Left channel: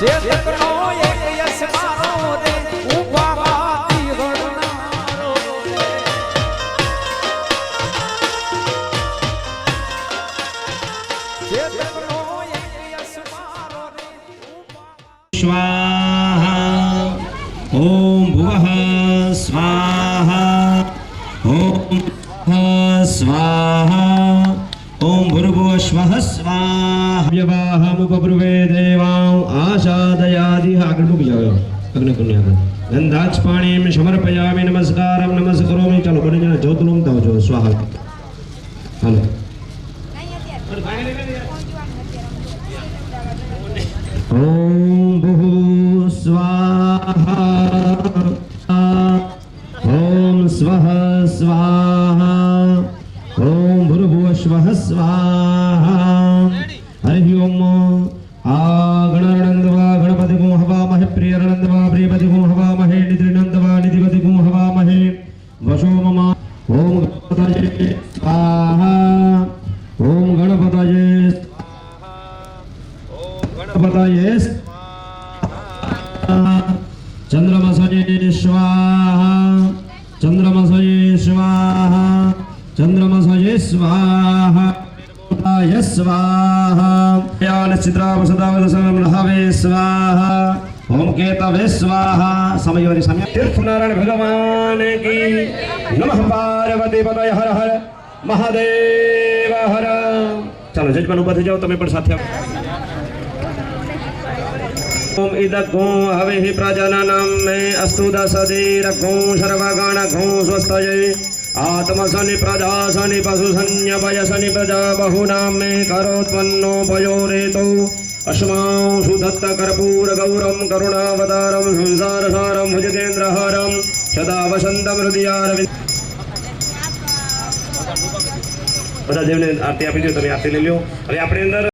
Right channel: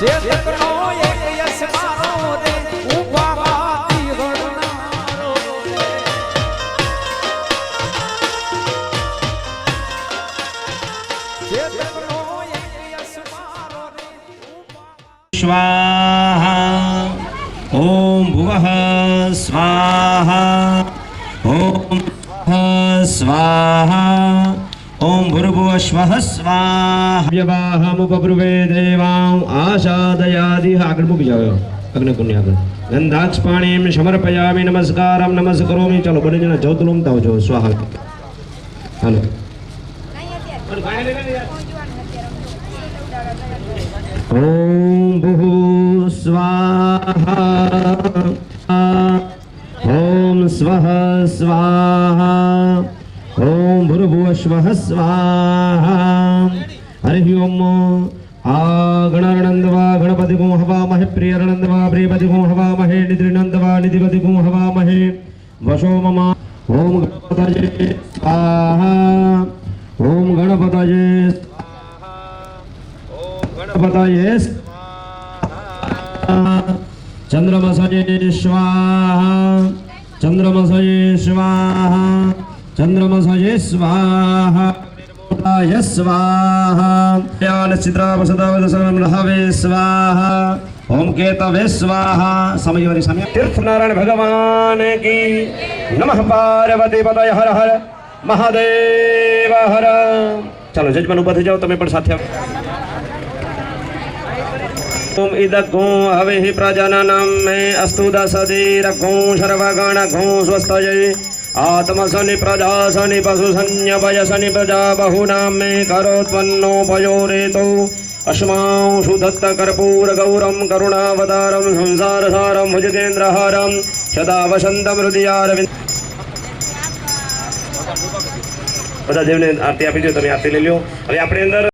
ચેતકનો એક યશ મારો રે ઊભા માતી ગણનારો ચેતકનો એક યશ મારો રે સ્વાહા ઓમ ભુવઃ સ્વાહા ઓમ સ્વાહા ઓમ ભૂર્ભુવઃ સ્વઃ સ્વાહા વ્યવાહમુપબ્રુવે દેવાં આશાદયાદિ આગળ મૂકી જાવ અગ્નિકુંડ આગળ ગંધાક્ષ પાણીમ સમર્પયામિ નમસ્કારમ નમસ્કરોમિ ચાલો બને જણા જ્યોત લોમતા હોજો સ્વાહા હાલો ઓમ ભૂઃ સ્વાહા ઓમ સ્વઃ સ્વાહા ઓમ ભૂર્ભુવઃ સ્વઃ સ્વાહા હરિ ઓમ ગણાનંદવા ગણપતિ ગું હવામહે પ્રિયરનંદવા પ્રિયપતિ ગું હવામહે નિદ્રિનંદવા નિધિપતિ ગું હવામહે વશો મમ ઓમ ગણપતયે સ્વાહા ઓમ ગણપતયે ગણપતયે ચંદ્રમસયે સ્વાહા ચંદ્રમસયે સ્વાહા ચંદ્રમસયે સ્વાહા ય સ્વાહા યાન ચિત્રાવસદાવદસનમ રહવે સ્વાહા ઓમ કેતવે સ્વાહા સમયવરી સમય તીર્થનારાયણ ભગવાન કી નમઃ પાર્વતી પતય હર હર મહાદેવ હર ચાલો જજમાન ઉભા થઈ જાઓ તમે પણ સાથે ओम इदग्गो हविः प्रजननं मे अस्तु दशदीरग्गो सर्वगणग्गो स्वस्तये आत्मसनि प्रजासनि पशुसन्यपयसनि प्रजा बहुनां मे करोत्पन्नो पयोरेतो अस्मांशु दत्तकर्पूरगौरं करुणावतारं संसारसारं भुजगेन्द्रहारं सदा वसन्तं हृदयारविन्द બધા દેવને આરતી આપી દો તમે આરતી લઈ લો હવે આપણે અંદર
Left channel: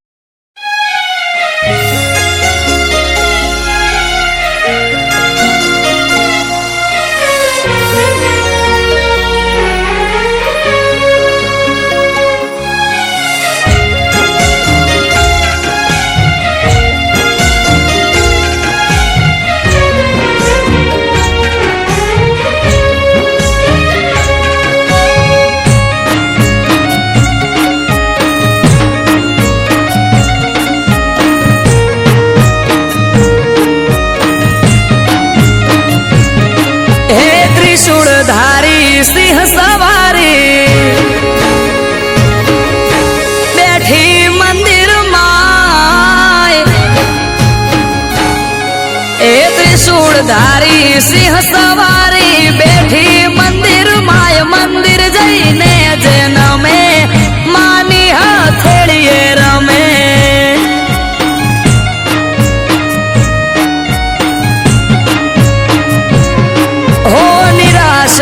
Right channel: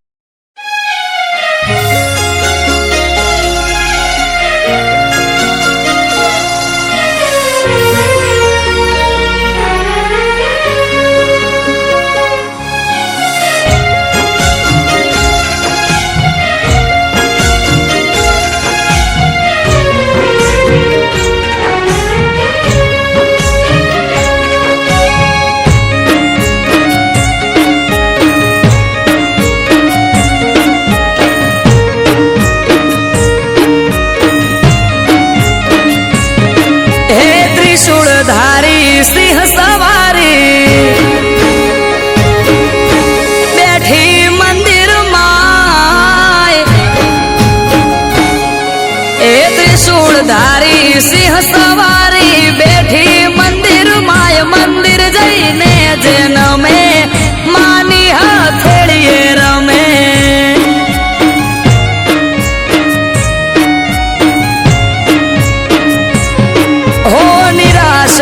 ત્રિશૂળધારી સિંહ સવારી બેઠી મંદિર માય એ ત્રિશૂળધારી સિંહ સવારી બેઠી મંદિર માય મંદિર જઈને જેન મે માની હથેળીએ રમે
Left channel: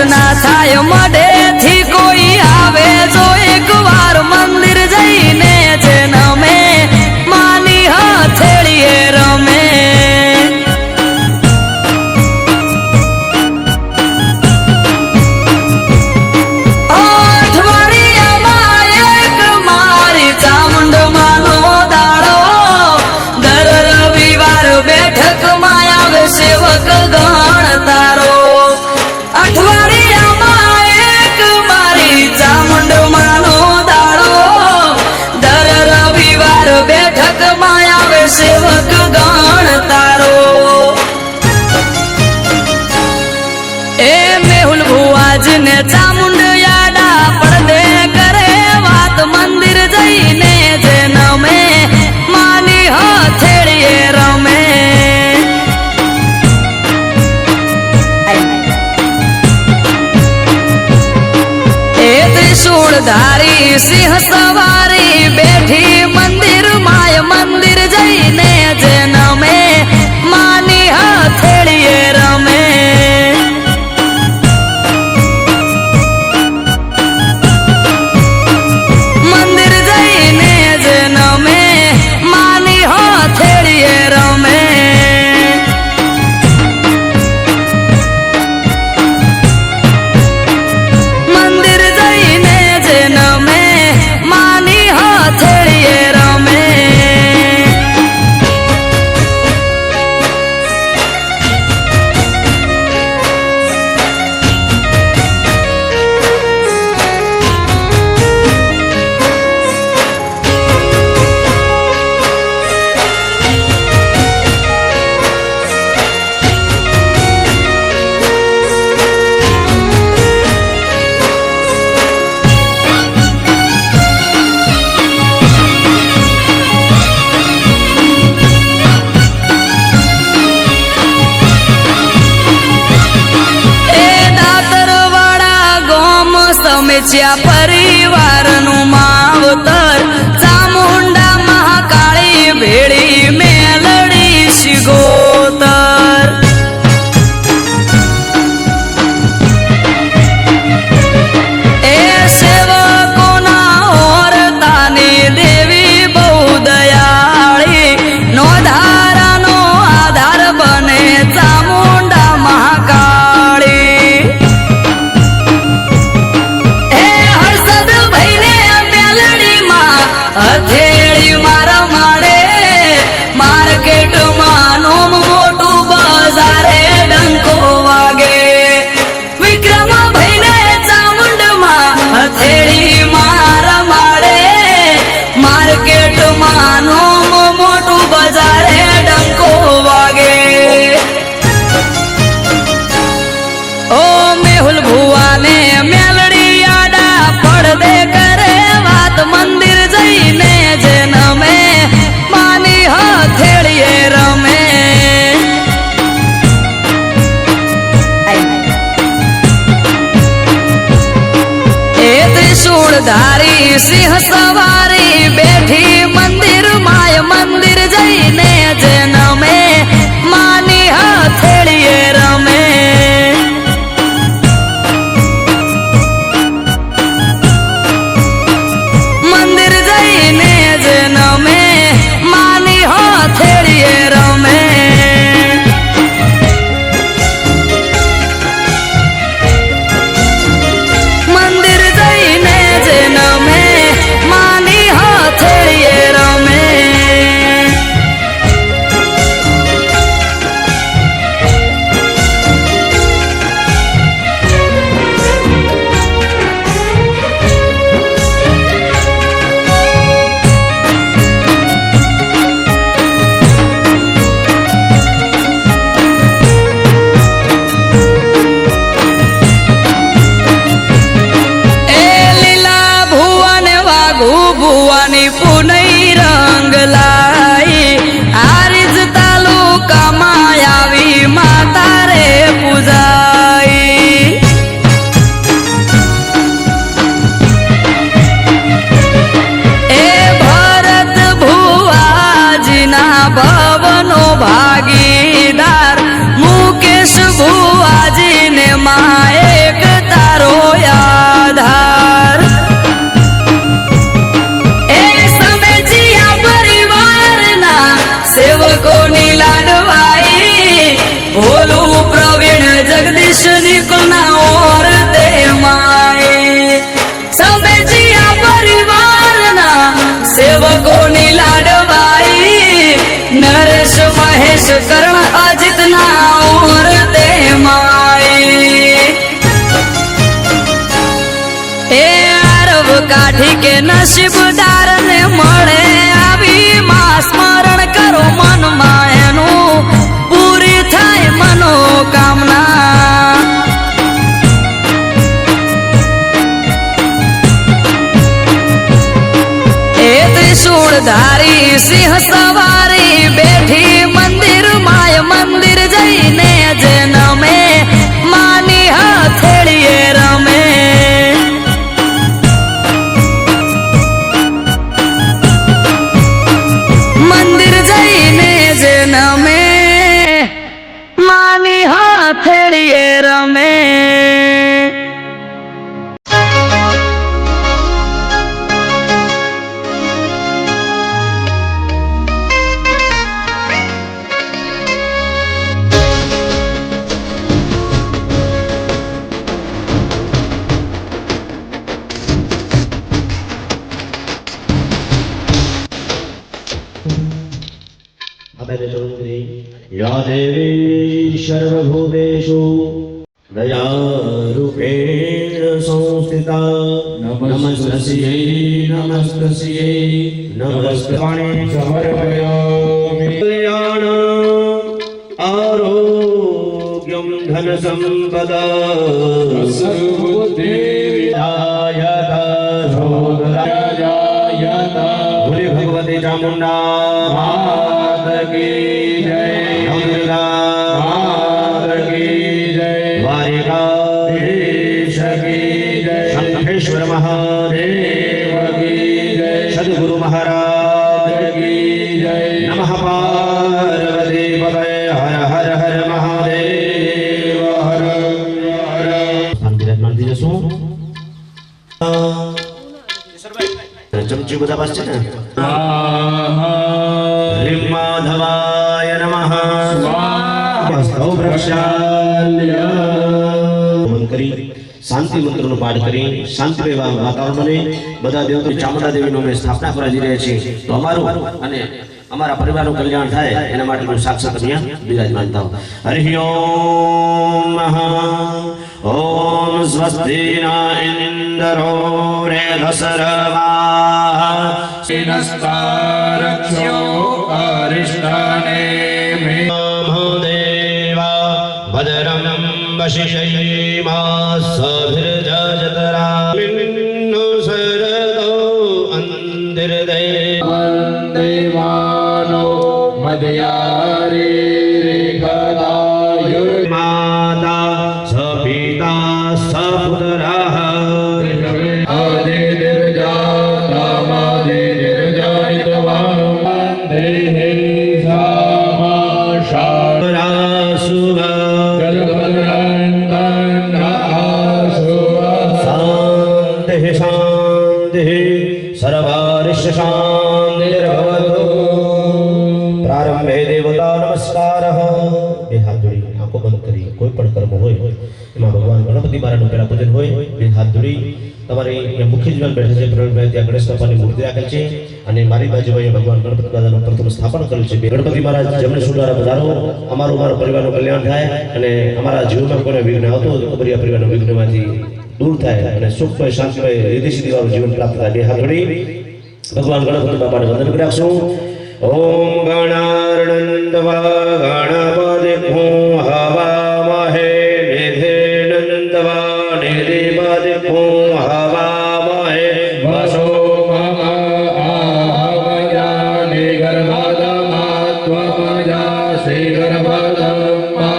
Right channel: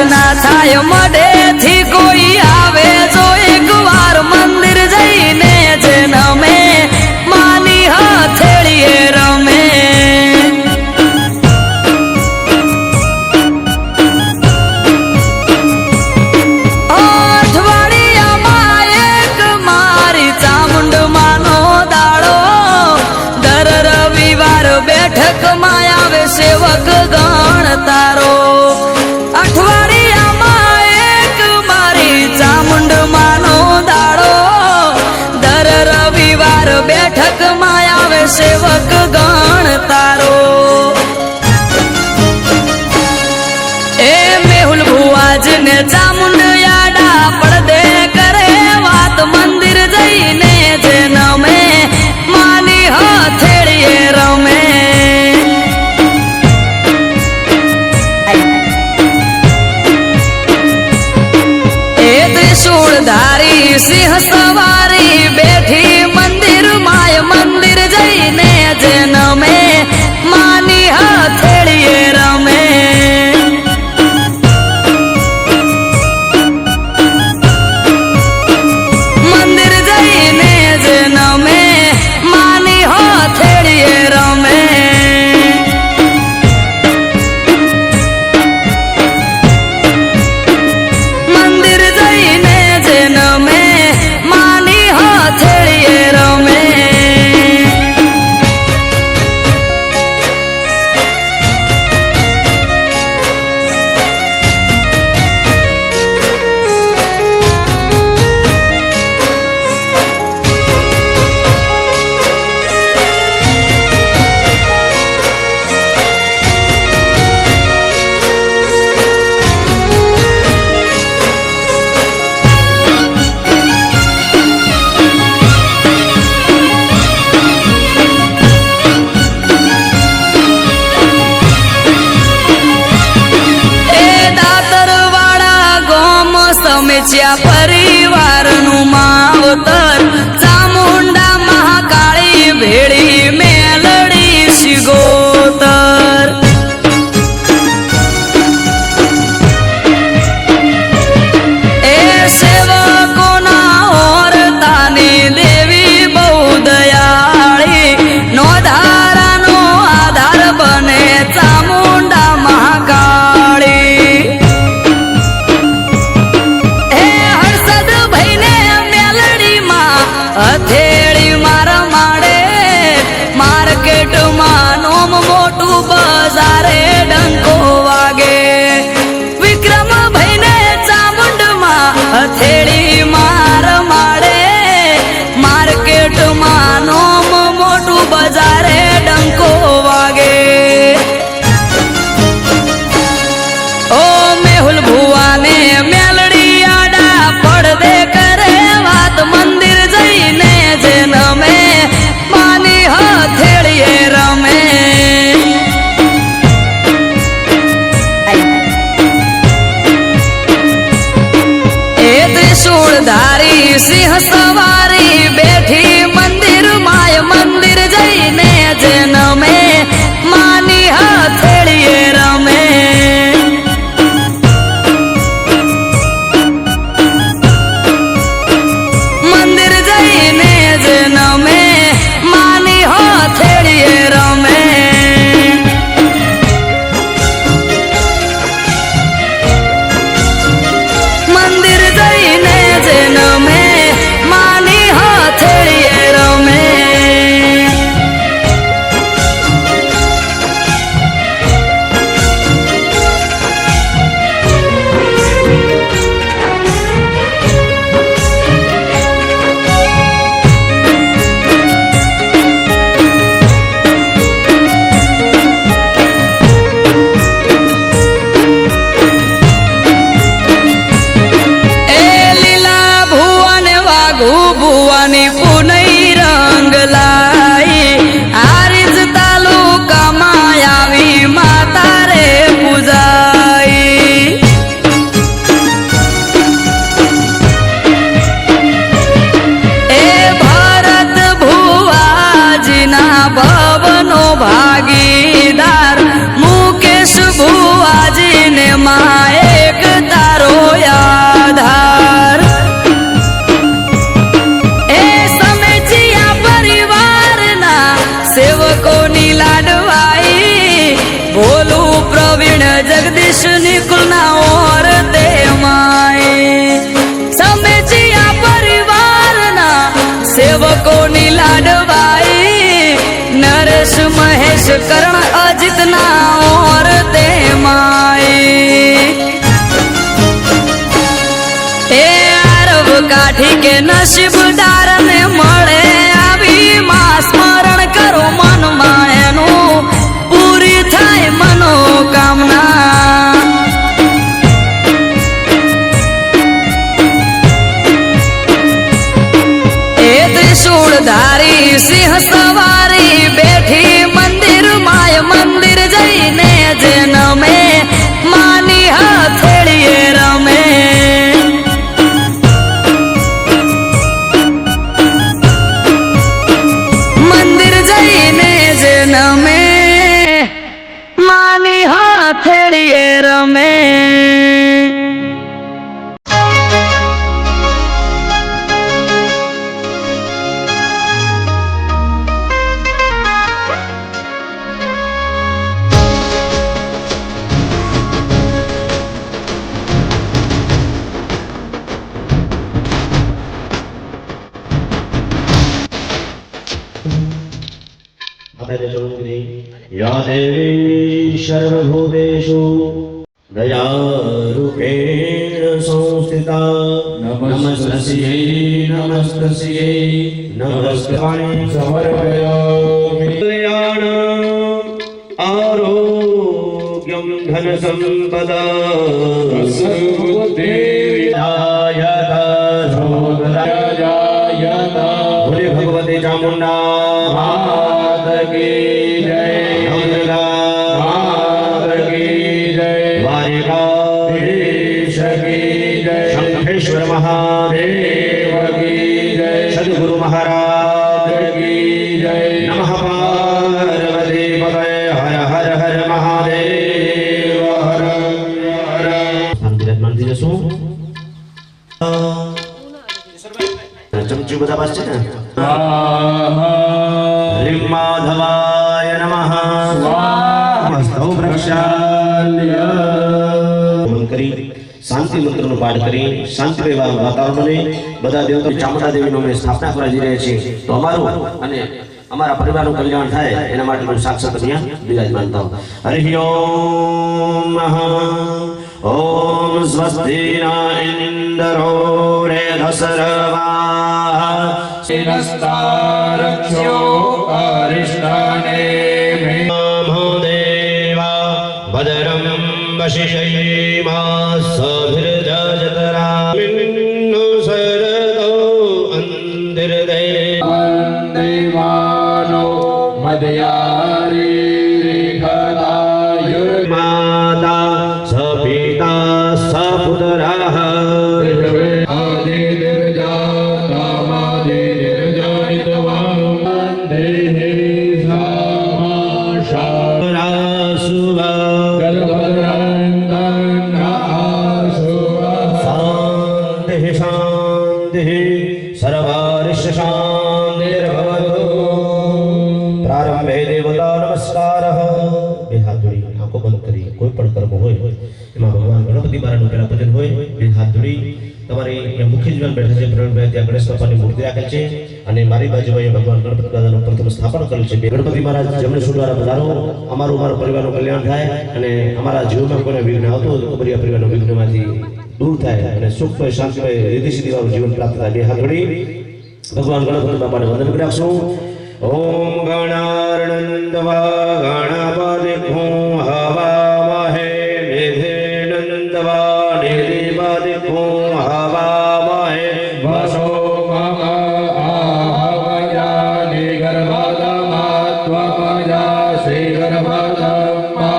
ના થાય મોઢેથી કોઈ આવે જો એકવાર મંદિર જઈને જેન મે માની હથેળીએ રમે અઠવાડિયામાં એક મારી ચામુંડ માનો દાડો દર રવિવાર બેઠકમાં આવે સેવક ગણ તારો અઠવાડિયામાં એક મારી ચામુંડ માનો દાડો દર રવિવાર બેઠકમાં આવે સેવક ગણ તારો એ મેહુલ ભુવાજીને ચામુંડ યાડા પડદે કરે વાત મંદિર જઈને જેન મે માની હથેળીએ રમે ત્રિશૂળધારી સિંહ સવારી બેઠી મંદિર માય મંદિર જઈને જેન મે માની હથેળીએ રમે મંદિર જઈને જેન મે માની હથેળીએ રમે હથેળીએ રમે રમેચ્યા પરિવારનું માવતર ચામુંડા મહાકાળી ભેળી મેલડી શિગોતર એ સેવકોના ઓરતાની દેવી બહુ દયાળી નો ધારાનો આધાર બને ચામુંડા મહાકાળી હે હર્ષદ ભાઈને મેલડીમાં હથેળી મારા માડે માર્કેટમાં નોમ મોટું બજારે ડંકો વાગે વિક્રમ ભાઈને ચામુંડમાં હથેળી મારા માડે માર્કેટમાં નોમ મોટું બજારે ડંકો વાગે ઓ મેહુલ ભુવાને મેલડી આડા પડદે કરે વાત મંદિર જઈને જે નમે માની હથેળીએ રમે એ ત્રિશૂળધારી સિંહ સવારી બેઠી મંદિર માય મંદિર જઈને જે નમે માની હથેળીએ રમે મંદિર જઈને જે નમે માની હથેળીએ રમે મંદિર જઈને જે નમે માની હથેળીએ રમે ભુવાની પુનઈ રંગ લાઈ આરીજ તાલુકામાં આવી માતા રે પૂજાઈ એ ભરત ભુવાજીના ભવનો ભાગીદાર મુકેશ ભુવાજીને માં એક તારો આધાર સેવકોની લાડવાઈ ભોલું પ્રવીણ જગદીશ નિકુલના ઓર દે માય સમેચિયા પરિવારના સેવકોની લાડવાઈ નરેશ મહેશ કરણ અજીતના ઓર દે માય એ આરવ કાઠી કે નસીબદાર ને મળે આવી માં સ્મરણ કરો મનમાં એનું પૂરી થાય મનોકામના એ ત્રિશૂળધારી સિંહ સવારી બેઠી મંદિર માય મંદિર જઈને જે નમે માની હથેળીએ રમે મંદિર જઈને જે નમે માની હથેળીએ રમે या देवी सर्वभूतेषु दयारूपेण संस्थिता नमस्तस्यै नमस्तस्यै नमस्ते समर्पयामि आरोग्यं धन संपदा भोले भगवते चामुंडा मात की जय मात की जय द्वारिकाधीश की जय शंखेश्वर ચમચી બધા પાસે છે ને લીમ માધવાય નમઃ સ્વાહા વૃક્ષાલ્ય કરી શાંતિ મંત્રનો પાઠ કરી શાંતિમય વાતાવરણને બધા દેવતા ચામુંડા દેવીનો અમે સ્થાપના કરવા જઈ રહ્યા છીએ તો અમારું અને અમારા પરિવારનું કલ્યાણ થાય એના માટે હું સાક્ષાત અહીંયા બિરાજમાન થાઉં હરિ ઓમ ઓમ સ્વસ્તિ ઇન્દ્રો રેધસર્વા સિનસ્તારક્ષો અરિષ્ટાને મે દેવા ભદ્રમ વશિષયિમા સભિર્જતરામિન્નો સરદો અંતિર્દૈ દેવાનો મદયારી રેખદાયુર માતા સપિતા સપુત્રાઃ આદિ નિર્જાતામાદિ નિર્જાનિતવાં દેહે સામાશા રાસુવા શાંતિ શાંતિ સર્વારિષ શાંતિર્ભવતુ પ્રારંભે દેવતા નમસ્કાર બે હાથ જોડી આંખો બંધ કરી કોઈ પણ કર્મ હોય એમાં ભગવાન ગણપતિ મહારાજનું પહેલા પૂજન હોય બે હાથ જોડી તમારે અહીંયા મુખ્ય જીવન બેઠા છે પ્રવીણભાઈ ત્યાં ગણેશ બાપાની મૂર્તિ રાખેલ છે અને મારી બાજુમાં ભગવાન ગણપતિ દાદાનું પ્રથમ સ્થાપન કરેલું છે ગણપતિ મહારાજ જમણે સુધારા પધારો અમારું પરિવારનું કલ્યાણ થાય અને અમારા જીવનમાં કોઈને વિઘ્ન આવતો હોય તો કબરિયા પરિવારના વિઘ્નમાંથી દૂર થાય અને સુખમય શાંતિમય રીતિ સીધીવાળું જીવન પ્રાપ્ત થાય બે હાથ જોડી ભગવાન ગણપતિ બાપાને વંદન કરી રાખશું ઓમ ગણાર્ણંદવા ગણપતિ હવામહે નિધેનંદવા નિધિપતિ હવામહે વસો મમ આહવયા નિગર્ભદમાત્વપજા શ્રી ગર્ભદમા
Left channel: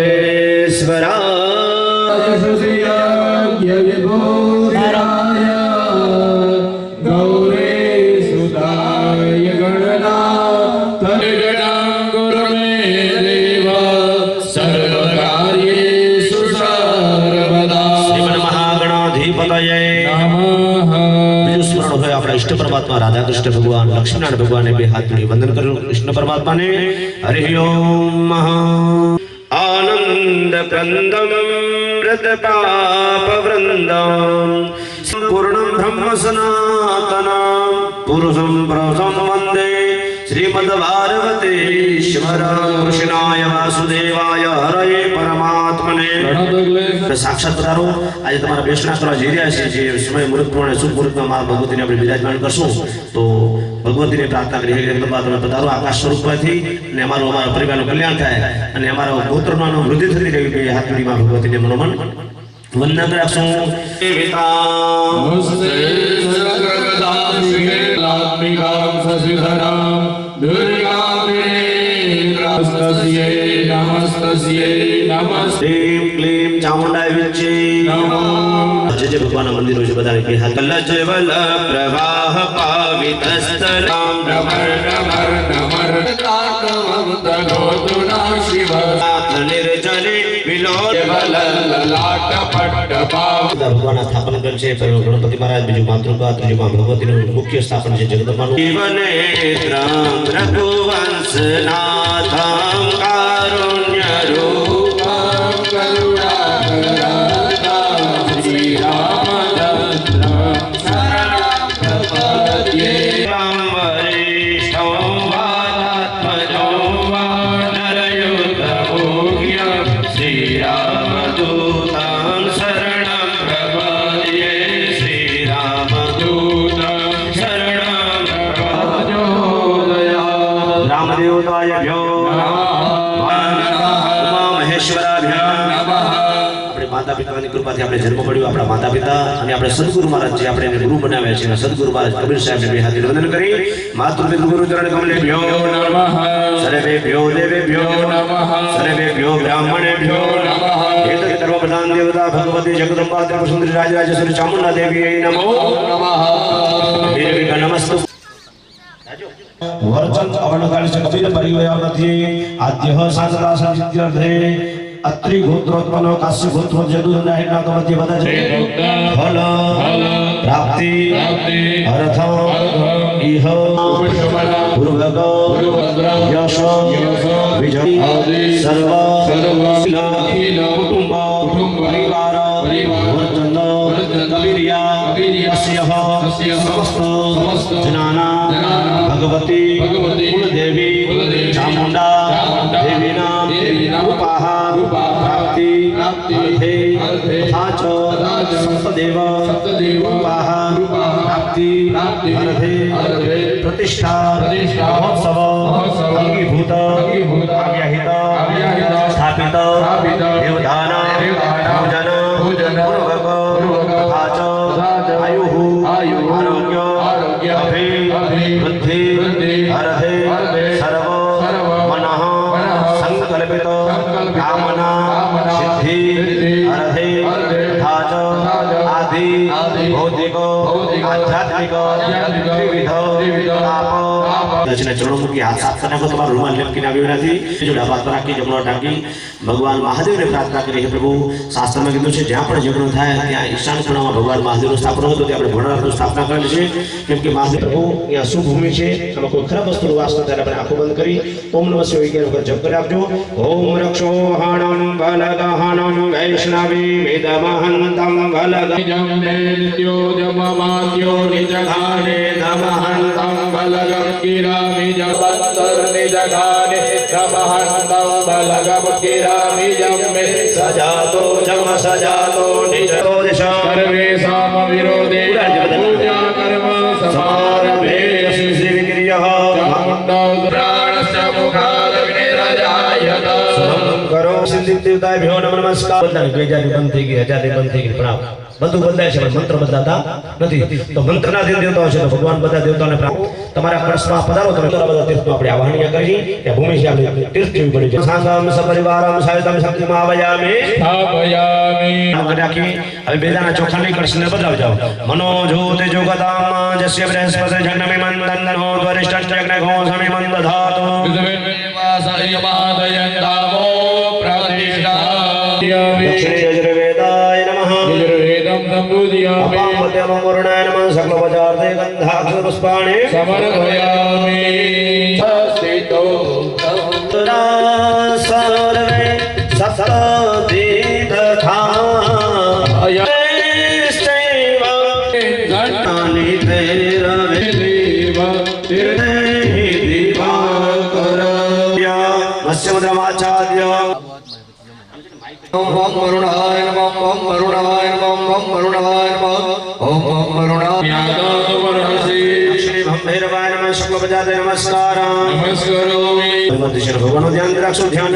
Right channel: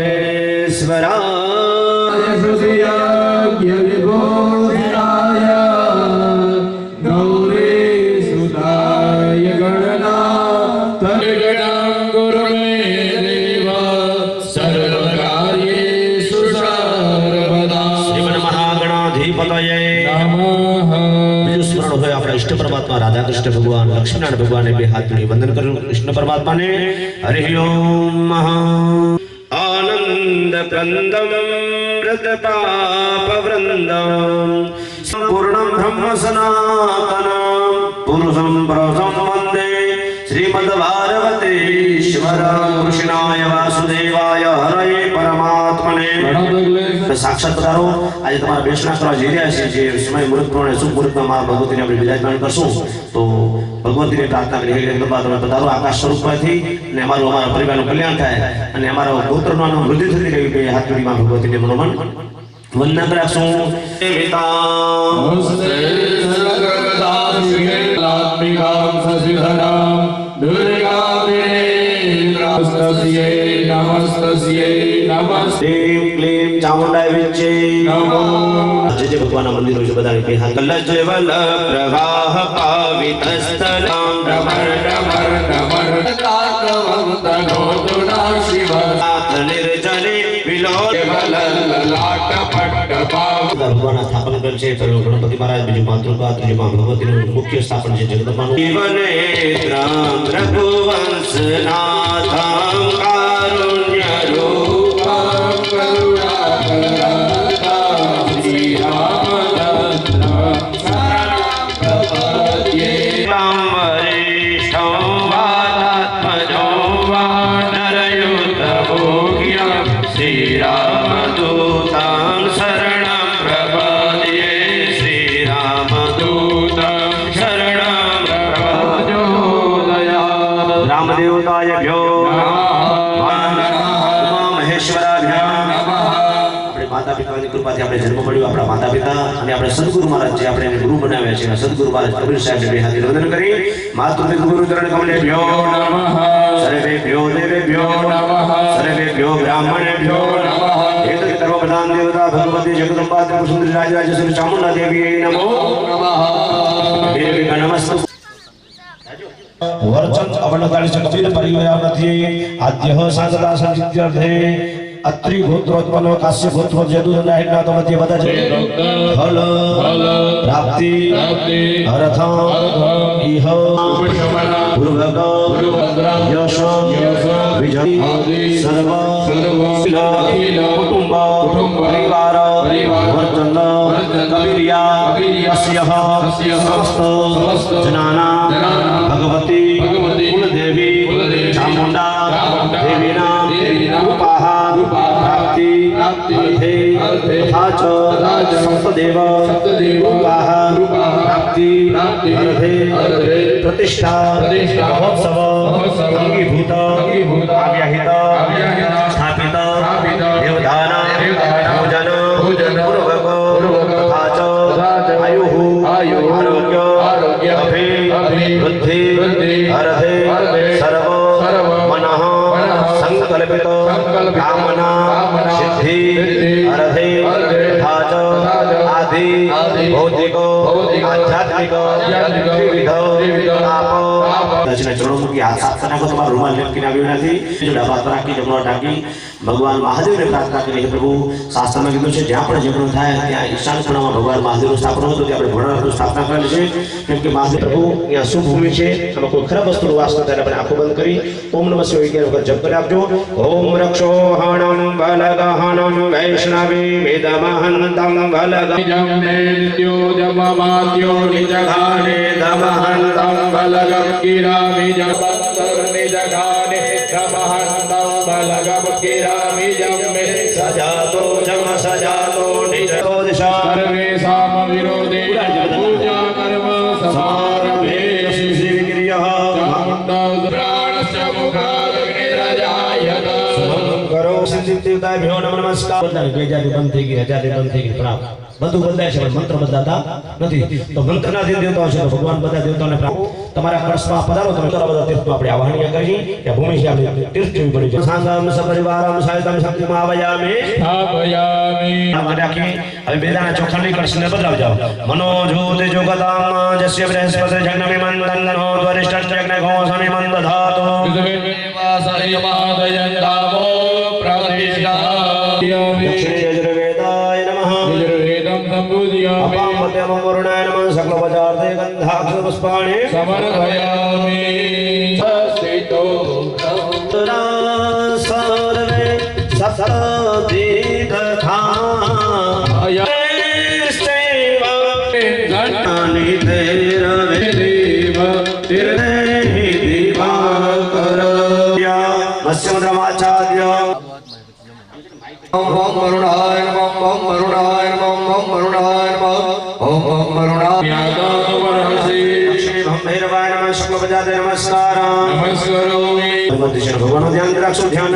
ઈશ્વરા સુસિયાગ્ય વિભૂતિરાય ગૌરી સુદાય ગણના તનિગણં ગુરુમે દેવ સર્વકાર્યેષુ સર્વદા શ્રીમન મહાગણાધિપતયે નમઃ બીજું સ્મરણ હોય આપણા ઈષ્ટ પરમાત્મા રાધા કૃષ્ણ ભગવાન લક્ષ્મીનારાયણ ભગવાનને બે હાથ જોડી વંદન કર્યું કૃષ્ણ પરમાત્માને હરિ ઓમ આનંદ કંદમ વ્રત પાપ વૃંદમ પૂર્ણમ બ્રહ્મ સનાતનમ પુરુષમ પ્રસમ વંદે શ્રીમદ ભારતીશ્વર કૃષ્ણાય વાસુદેવાય હરે પરમાત્મને સાક્ષાત પધારો આજે તમારા બેસણા કરવા જઈ રહ્યા છીએ જે સમય મુહૂર્ત પ્રમાણે શુભ મુહૂર્તમાં મા ભગવતીને આપણે બિરાજમાન કરશું તો ભગવતીને પ્રાર્થના કરી હે તમે પધારો આકાશ સ્વરૂપમાંથી અને અમારા પરિવારનું કલ્યાણ થાય અને અમારા ગોત્રનો વૃદ્ધિ થતી રહેવી જોઈએ હાથ જોડી મા ભગવતીને મનોમન વંદન રાખશું નમસ્તે સર્વદાશિકે લાત્મિકાં સસિધનાં દુર્ગામિનેત્રાસ્તસ્યે નમસ્તસ્યે નમસ્તે ક્લીમ ચામુંડાય વિચ્ચે નમો જે જે ભગવાનના મંદિરો છે બધાને બે હાથ કલજવલ પ્રવાહ પાવિતસ્થલમ નમર નમર નમર તાતવં તનોતુના શિવ નાથ નિર્જને વિલોદ લલાટ પટ્ટ પાવ ભગવાનના સ્થાપન કરેલ છે ગણપતિ મહારાજ બીજું માતૃકા ત્રીજું માં ભગવતીનું મુખ્ય સ્થાપન છે જગદંબાનું જીવનેત્રમ રઘુવંશનાથમ કારુણ્ય રૂપમ કરુણાકરાતા શ્રી રામચંદ્ર શરણં પ્રપદ્યે વરિષ્ઠો વાતાત્મજો વા નરયુતમોગ્ય શ્રી રામદૂતં શરણં પ્રપદ્યે શ્રી રામદૂતં શરણં પ્રપદ્યે રામદેવતાયભ્યો ઉમા મહેશ્વરાભ્યામ આપણે માતા પિતાની કૃપાથી આપણે જન્મ મળ્યો આપણા માતા પિતા અને આપણે સદગુરુ મહારાજ જે આપણે એને ગુરુ બનાવ્યા છે સદગુરુ મહારાજ કબીર સાહેબને બે હાથે વંદન કરી માતૃપિતૃ ગુરુ ચરણ કમલેભ્યો નમઃ સર્વેભ્યો દેવેભ્યો નમઃ સર્વેભ્યો બ્રાહ્મણેભ્યો નમઃ એતદ સર્વપ્રધાન દેવતા ભગવતી જગદંબા ત્રિપુર સુંદરી રાજરાજેશ્વરી ચામુંડા દેવી નમો નમઃ દેવી નમસ્તુ वर्चन अवनकाल शक्तिर परिवयामति आद्यः शांतता संचित्यर्थे અત્રિ ગોત્રોત્પન્નો કાશ્ય ગોત્રો જદુદંડા હેઠળ તો મધ્ય બધા છે ફલ પ્રાપ્તિ અર્થ ઇહ પૂર્વક યશ વિજય સર્વ કુટુંબ પરિવાર વર્તન કવિર્યા સમસ્ત જનાના ભગવતી કુલદેવી ચામુંડા દેવીના રૂપાહ પ્રાપ્તિ અર્થે તથા ચ સપ્તદેવ રૂપાહ પ્રાપ્તિ અર્થે પ્રતિષ્ઠા મહોત્સવ અંગીભૂત આવ્યાહિત સ્થાપિત દેવદાન ભોજન પૂર્વક તથા ચ આયુઃ આરોગ્ય વૃદ્ધિ અર્થે સર્વ મનઃ સંકલ્પિત કામના સિદ્ધિ અર્થે તથા ચ આદિ ભૌતિક આધ્યાત્મિક વિવિધ તાપ દર્શના ચરણો મૂકી હાથ સાફ કરનાખો તમારો રૂમાલ લટકીને આવ્યો નથી જો ડાબા હાથ રાખી જમણો ટાંકી ભગવાન મહાદેવને પ્રાર્થના કરી હે પ્રભુ શાસ્ત્રમાં કીધું છે જ્યાં પણ ઝઘડો થાય ત્યાં ઈશાન ખૂણામાં ભગવાન મહાદેવનું સ્થાપન હતું ત્યાં આપણે ભોળાનાથનું સ્થાપના કરેલી છે કેમ કે મહાદેવ પ્રભુ અહીંયા શુભ ભૂમિ છે આમાં કોઈ ખરાબ વસ્તુનો વાસ ન થાય આપણે આંખો બંધ કરી ઓમ નમઃ શિવાય 11 વખત જપ કરી આપજો ઓમ રક્ષોહણમ બલગહણમ વૈષ્ણવી વેદમહંતમ બલગ નિત્યો જમમાત્યો નિજઘાને દમહંતમ બલગમ કિરામિ જબંતર નિજઘાને દમહંતમ બલગમ કિરામિ જમ્મે સજાતો જમ સજાતો નિજો દિશા સર્વેષામ વિરોધે પૂજા કર્મ સમારંભે શ્રી વિક્રિયઃ ચામુંડા મુખાદગ્નિરજાયત કરો સિદ્ધિ દેવતાભ્યો નમસ્કાર બધાય ગેજારી બંધ થઈ ગઈ હજારી બંધ થઈ ગઈ પ્રણામ બધું બદલાય છે પણ મંત્ર બદલાતા નથી તો મંત્રના જે દેવતાઓ છે તો ભગવાન બધા દેવતાઓને તમારા કળશમાં પધારો તમે બધા તીર્થમાં આપણે આવાહનીય કરી ત્યાં ભૂમિ છે આપણે તીર્થ જેવી પડી છે સાંગમ સપરિવારમ સાયતમ શક્તિમાં આવયામે સ્થાપયામિ રાખી હવે બેદાના ચોખાની કળશને બદલાવ જાઓ મનો જ્યોતિ જોગતામ જસ્ય બૃહસ્પતિ જન્મે મંદનો વરિષ્ઠ જગ્ન ઘોષમિ મંદ ધાતો સહ્યમાદયંતામો પ્રતિષ્ઠાયામિ યજુર્વેદાય નમઃ યજુર્વેદં સંબુધ્યામિ અપામત્યમ વરુણાય નમઃ સકલ પદાર્થે ગંધાક્ષ પુષ્પાણિ સમર્પયામિ સ્થિતો સર્વે સતદીર્ઘા ગણાની તેરવે દેવ તીર્થે દિવાકર મત્સ્યમદ્રમાચાર્ય ઓમ ઓમ વરુણાય નમઃ ઓમ વરુણાય નમઃ ઓમ વરુણાય નમઃ ઓમ ઓમ વરુણાય શ્રી ભૈરવાય નમઃ શુક્લ પદાર્થે નમસ્કાર નમસ્કારોમિ ભગવાનનું ધ્યાન રાખશો ધ્યાન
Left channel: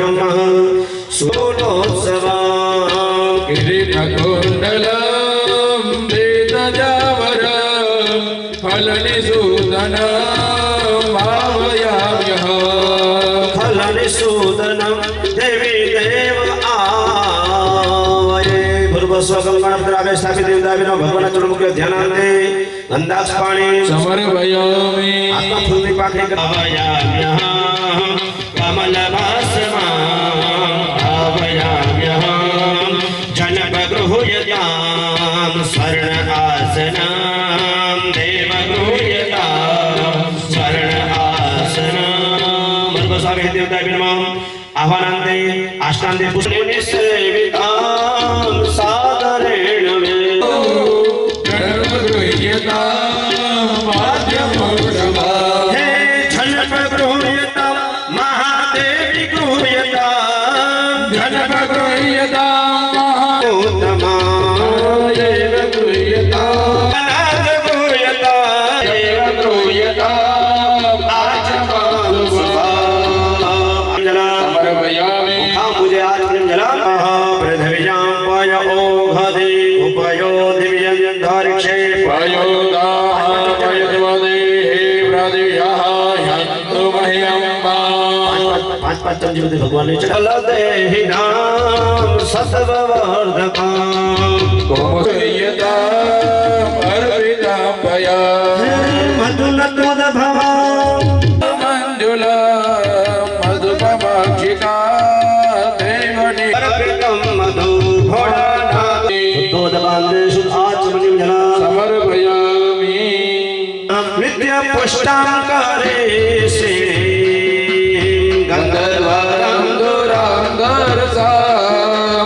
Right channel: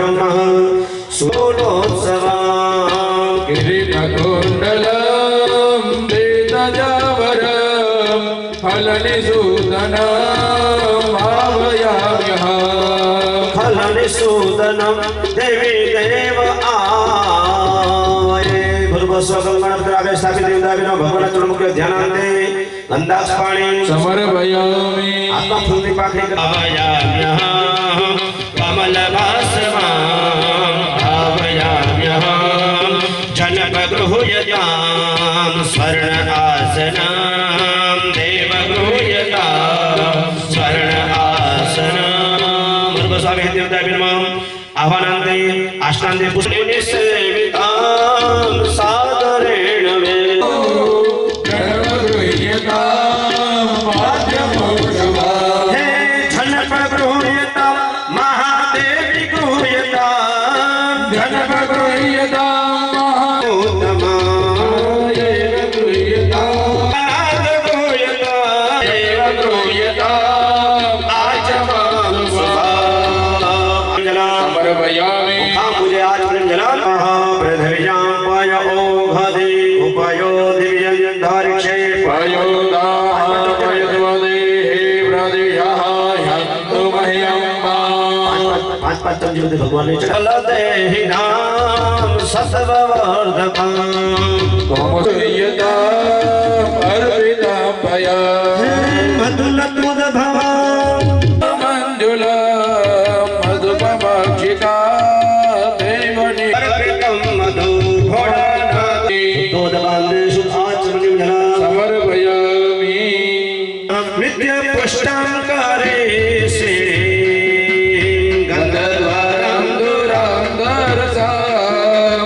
સુલોત્સવા કિરીટકુંડલમ વેદજાવરમ ફલનિસૂદનમ ભાવયામ્યઃ ખલનિસૂદનમ દેવી દેવ આયે ભૂર્ભસ્વં ગણપતિરાગે સ્થાપિત દેવદાવીનો ભગવાનના ચરણમુખે ધ્યાનાંતે ગંધાક્ષ પાણી સમર્પયામિ આત્મા ફૂલની પાખડી ભાવયામ્યઃ કમલભાસમાં ભાવયામ્યઃ જનકગૃહ્યતામ સ્વર્ણ આસનામ દેવગૃહ્યતામ સ્વર્ણ આસનામ ભૂર્ભસ્વામી દેવદાવીનો આહ્વાનાંતે આષ્ટાંતે પુષ્પેને સેવિતામ સાદરેણ વે ગણગૃહ્યતામ પાદ્યમૌષભા હે જનક ગૃહ્યતામ મહાદેવી ગૃહ્યતામ જનકગૃહ્યતામ ઉત્તમાય ગૃહ્યતામ અનાદ ગૃહ્યતામ દેવ ગૃહ્યતામ સમર્પયામિ मुझे आज जला पृथ्व्यां पाय ओघदे उपयो दिव्यं धारिक्षे पांच पांच चमचे बदे भगवान ने चल दे नाम मधुलत्वद भवा मंजुला मधुपमाक्षिका देवनी નિત્ય પુષ્ટામ કરે છે ગંધર્વરમ દુરમ દરસા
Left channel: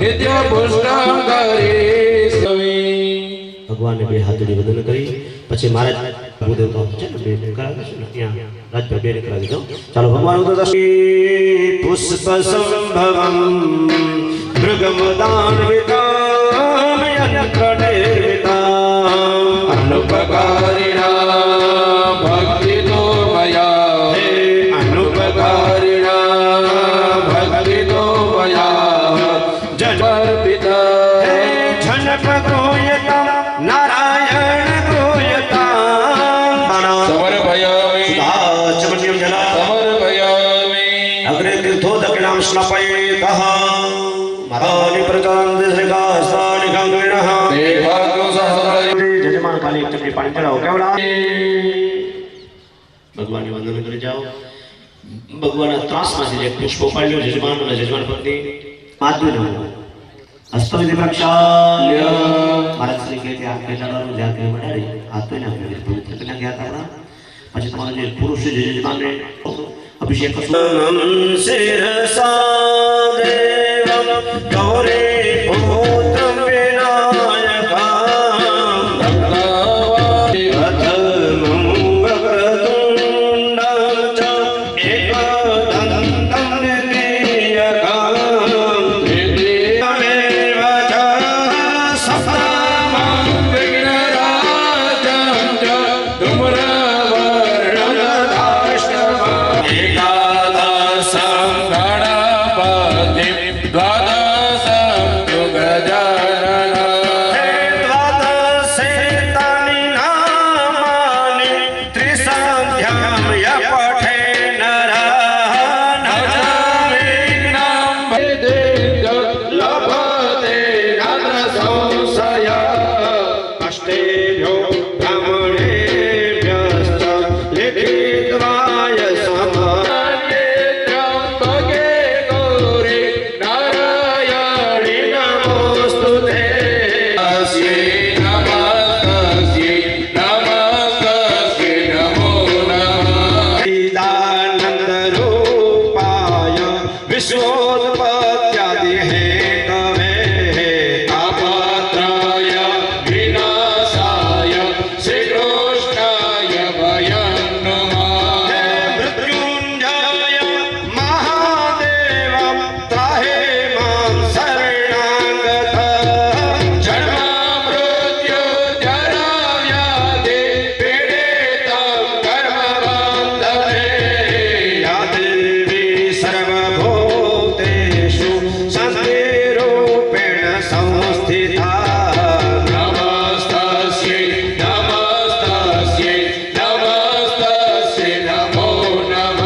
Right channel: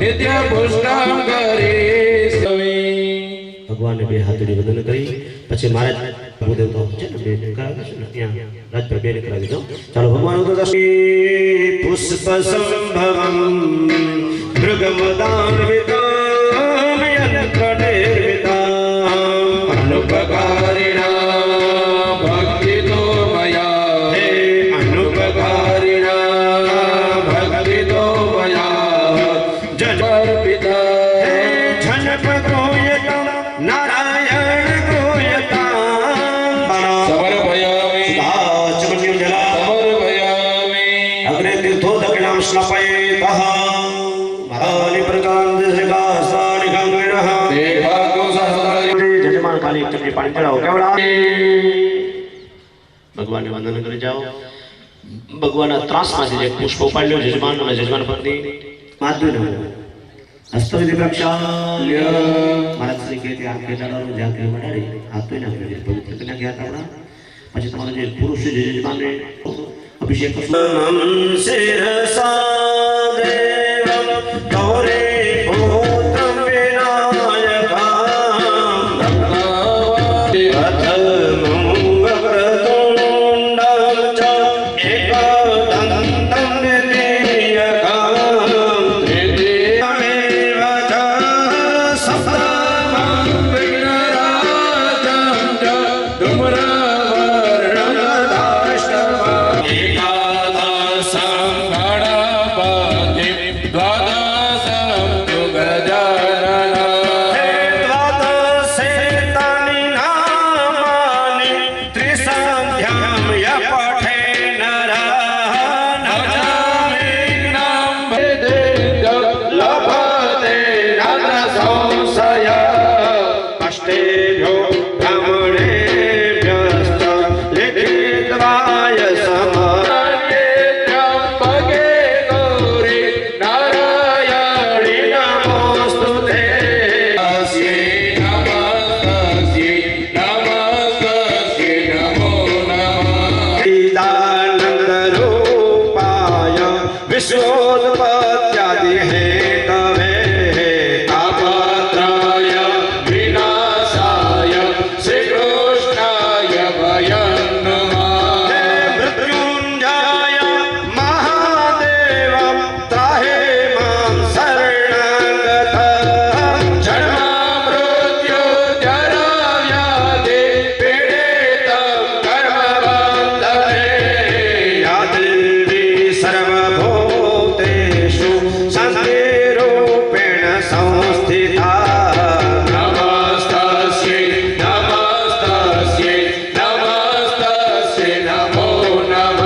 નિત્ય પુષ્ટમ કરે ભગવાનને બે હાથડી વંદન કરી પછી મહારાજ ભૂદેવ તો છે ને બે કરાવે છે ને ત્યાં રાજભાઈ બેને કરાવી દો ચાલો ભગવાન પુષ્પ સંભવમ મૃગમદાન્વિતામ યંત્રનિર્મિતામ અનુપકારિણા ભક્તિતો મયા હે અનુપકારિણા ભક્તિતો મયા જનર્પિત હે જનક ગ્રોયતા નારાયણ ગ્રોયતા સમર્પયામિ સુધાચમન્યમ જલા સમર્પયામિ અગ્રે તીર્થો દક્ષિણામ સ્નાપયેતઃ મહાની પ્રકાંડ શ્રીકાસ્તાની ગંગિણઃ તે ભાગો સહસ્રાય જજમાન ખાલી એક ચમચી પાણી ચડાવો કેવડા ભગવાનને વંદન કરી જાઓ ભગવાનના ત્રાસમાંથી જે પુષ્પ ઉપાડી લો જજમાન અને જજમાન પત્ની માધ્યમ હસ્તવિધિ પ્રક્ષાલ્ય મહારાજ શ્રી કહે આ કેટલાનું જ્યાં કે મડાડી હાથ તો ના પવિત્ર કરીને ગયા હતા પછી તમારા જે પુરુષ છે જજમાનને અભિષેક કરશો શિરસા દેવમ ગૌરે પુત્ર વિશ્વોત્પત્યાદિ હેતવે તાપત્રાય વિનાશાય શ્રી કૃષ્ણાય ભયં નમઃ મૃત્યુંજય મહાદેવ ત્રાહે માં શરણાગત જન્મ મૃત્યુ જરા વ્યાધિ પીડિતં કર્મબંધને યાદેવી સર્વભૂતેષુ શાંતિરૂપેણ સંસ્થિતા નમસ્તસ્યૈ નમસ્તસ્યૈ નમસ્તસ્યૈ નમો નમઃ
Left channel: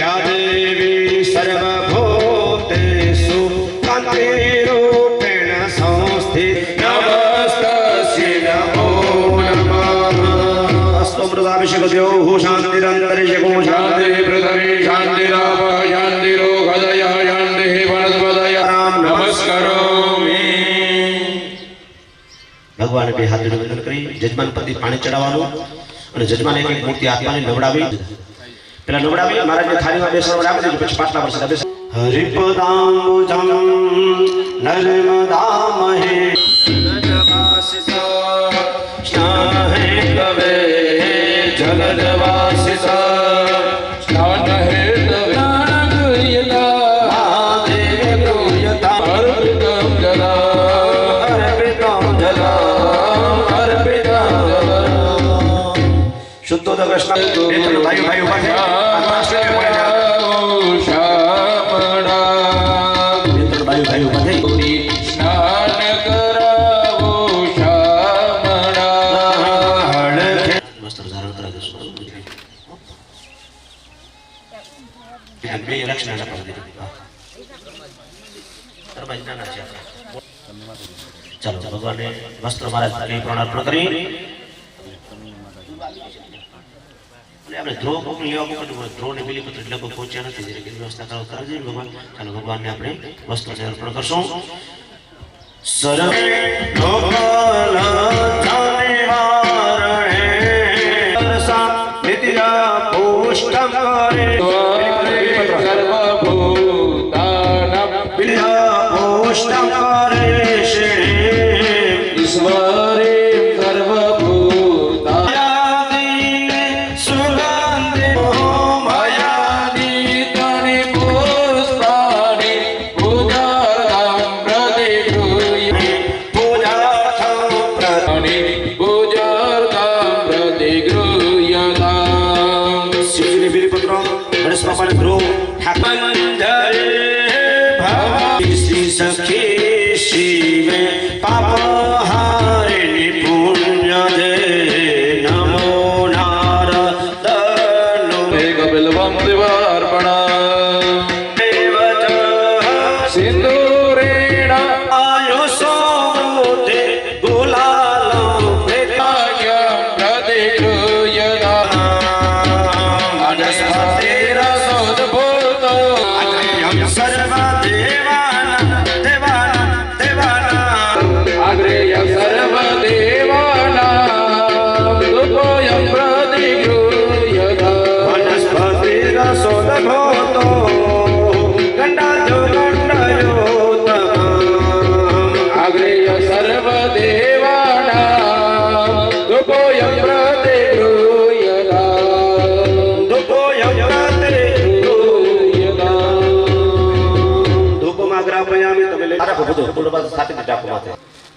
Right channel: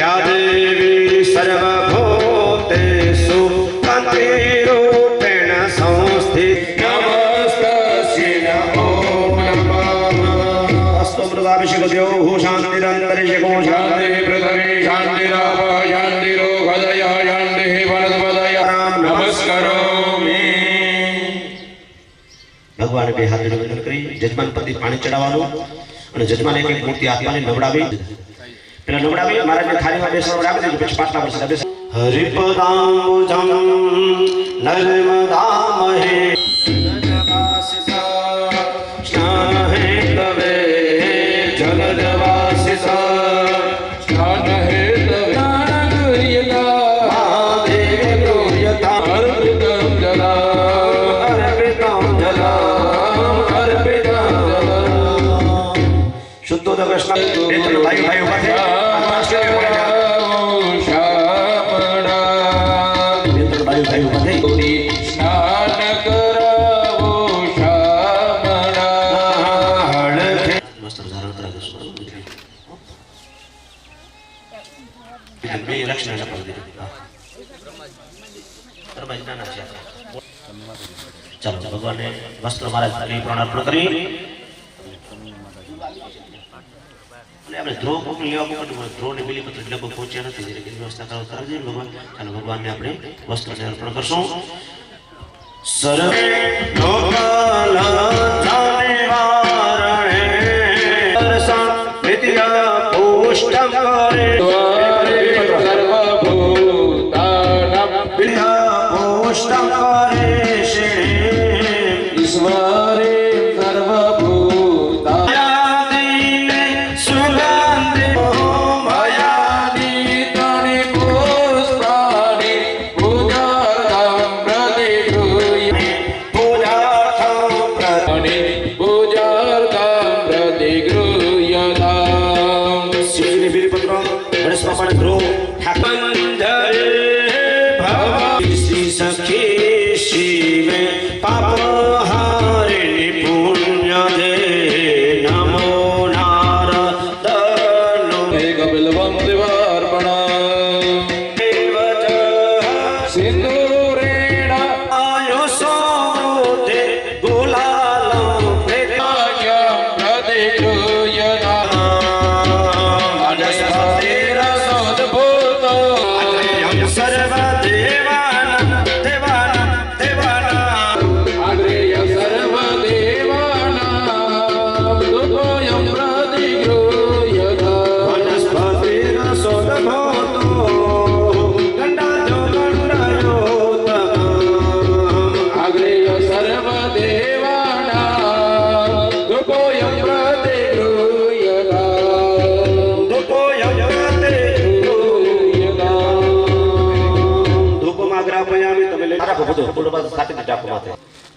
યા દેવી સર્વભૂતેષુ શાંતિરૂપેણ સંસ્થિતા નમસ્તસ્યૈ નમો નમઃ અસ્તમૃતાભિષેકદ્યોઃ શાંતિરંતરિષકો શાંતિ પૃથ્વી શાંતિરાપ શાંતિરો હૃદય શાંતિ વનસ્પતય નમસ્કરોમિ ભગવાને બે હાથ જોડી વંદન કરી જજમાન પતિ પાણી ચડાવવાનું અને જજમાન એક મૂર્તિ આત્માને નવડાવી પેલા નવડાવી મહારાજને થાળીમાં બેસવા વડાવી દીધું પછી પાટલા પર બેસ હરિપદાંબુજં નર્મદામહે સ્નાહે કવે જલજવાસિતા સ્નાન હેતવે મહાદેવ ગૃહ્યતા અર્પિતં જલા અર્પિતં જલમ અર્પિતં જલમ શુદ્ધોદ કૃષ્ણ નેત્ર ભાઈ ભાઈ ઉભા થઈ નેત્ર ભાઈ ભાઈ ઉભા થઈ સ્નાન કરાવો શામળા વસ્ત્ર ધારણ કરાવે છે બે લક્ષણ આપવા દીધું ચાલો ભગવાનને વસ્ત્ર મહારાજ અર્પણ કરી અને આપણે ધ્રુવ મોકલી લેવા મોકલ્યું ધ્રુવ ને બિલીપત્ર લગભગ પહોંચ્યા નથી એટલે વ્યવસ્થા કરાવી દઈએ ભગવાન ચાલો ભગવાનને આપણે વસ્ત્ર અર્પણ કરશું સર્વે લોકલ નિવારણે ઓષ્ટમ કરે ઓષ્ટમ કરે શ્રી ઈશ્વરે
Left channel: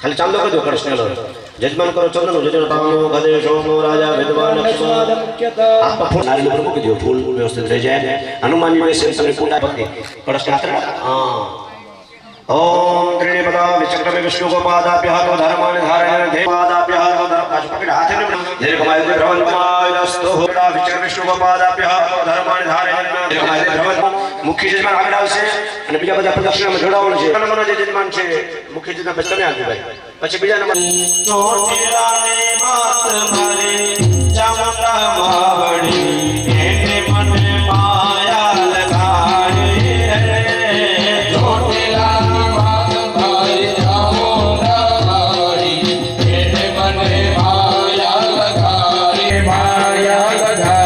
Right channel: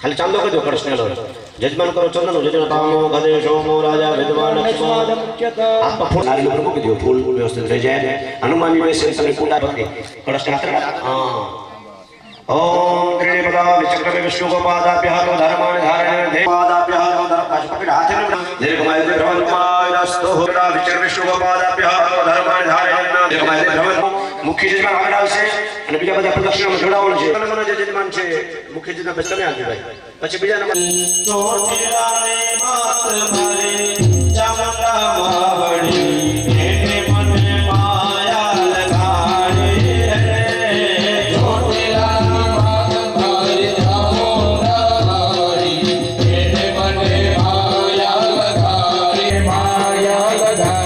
खाली चांदो कर दो कृष्ण जजमान करो चंदन जजनतामो गणेशोमो राजा विद्वान आप फूल नारियल पर मुक दियो फूल व्यवस्थित रह जाए हनुमान जी में से समय पूजा भक्ति कृष्ण हां ओम त्रिपदा विचक्रमे विष्णु गोपादाभ्यः धर्माणि धारयन् देवादाभ्यः धर्मकाशपकड़ हाथ में दीर्घमायु भ्रमणकायस्तु होड़ा विचक्रमे विष्णु गोपादाभ्यः धर्माणि धारयन् दीर्घमायु भ्रमण मुख्य जजमान આગળ આવશે અને બીજા બધા પ્રદક્ષિણામાં જોડાવાનું છે નંબરનો જે જજમાન છે મુખ્ય જજમાન બસ તમે આવજો ભાઈ પછી બીજા નંબર ચોટીલાને માત મારે ચામુંડા માવડી એને મને માયા લગાડે ચોટીલાની માત મારે ચામુંડા માવડી એને મને માયા લગાડે માયા લગાડે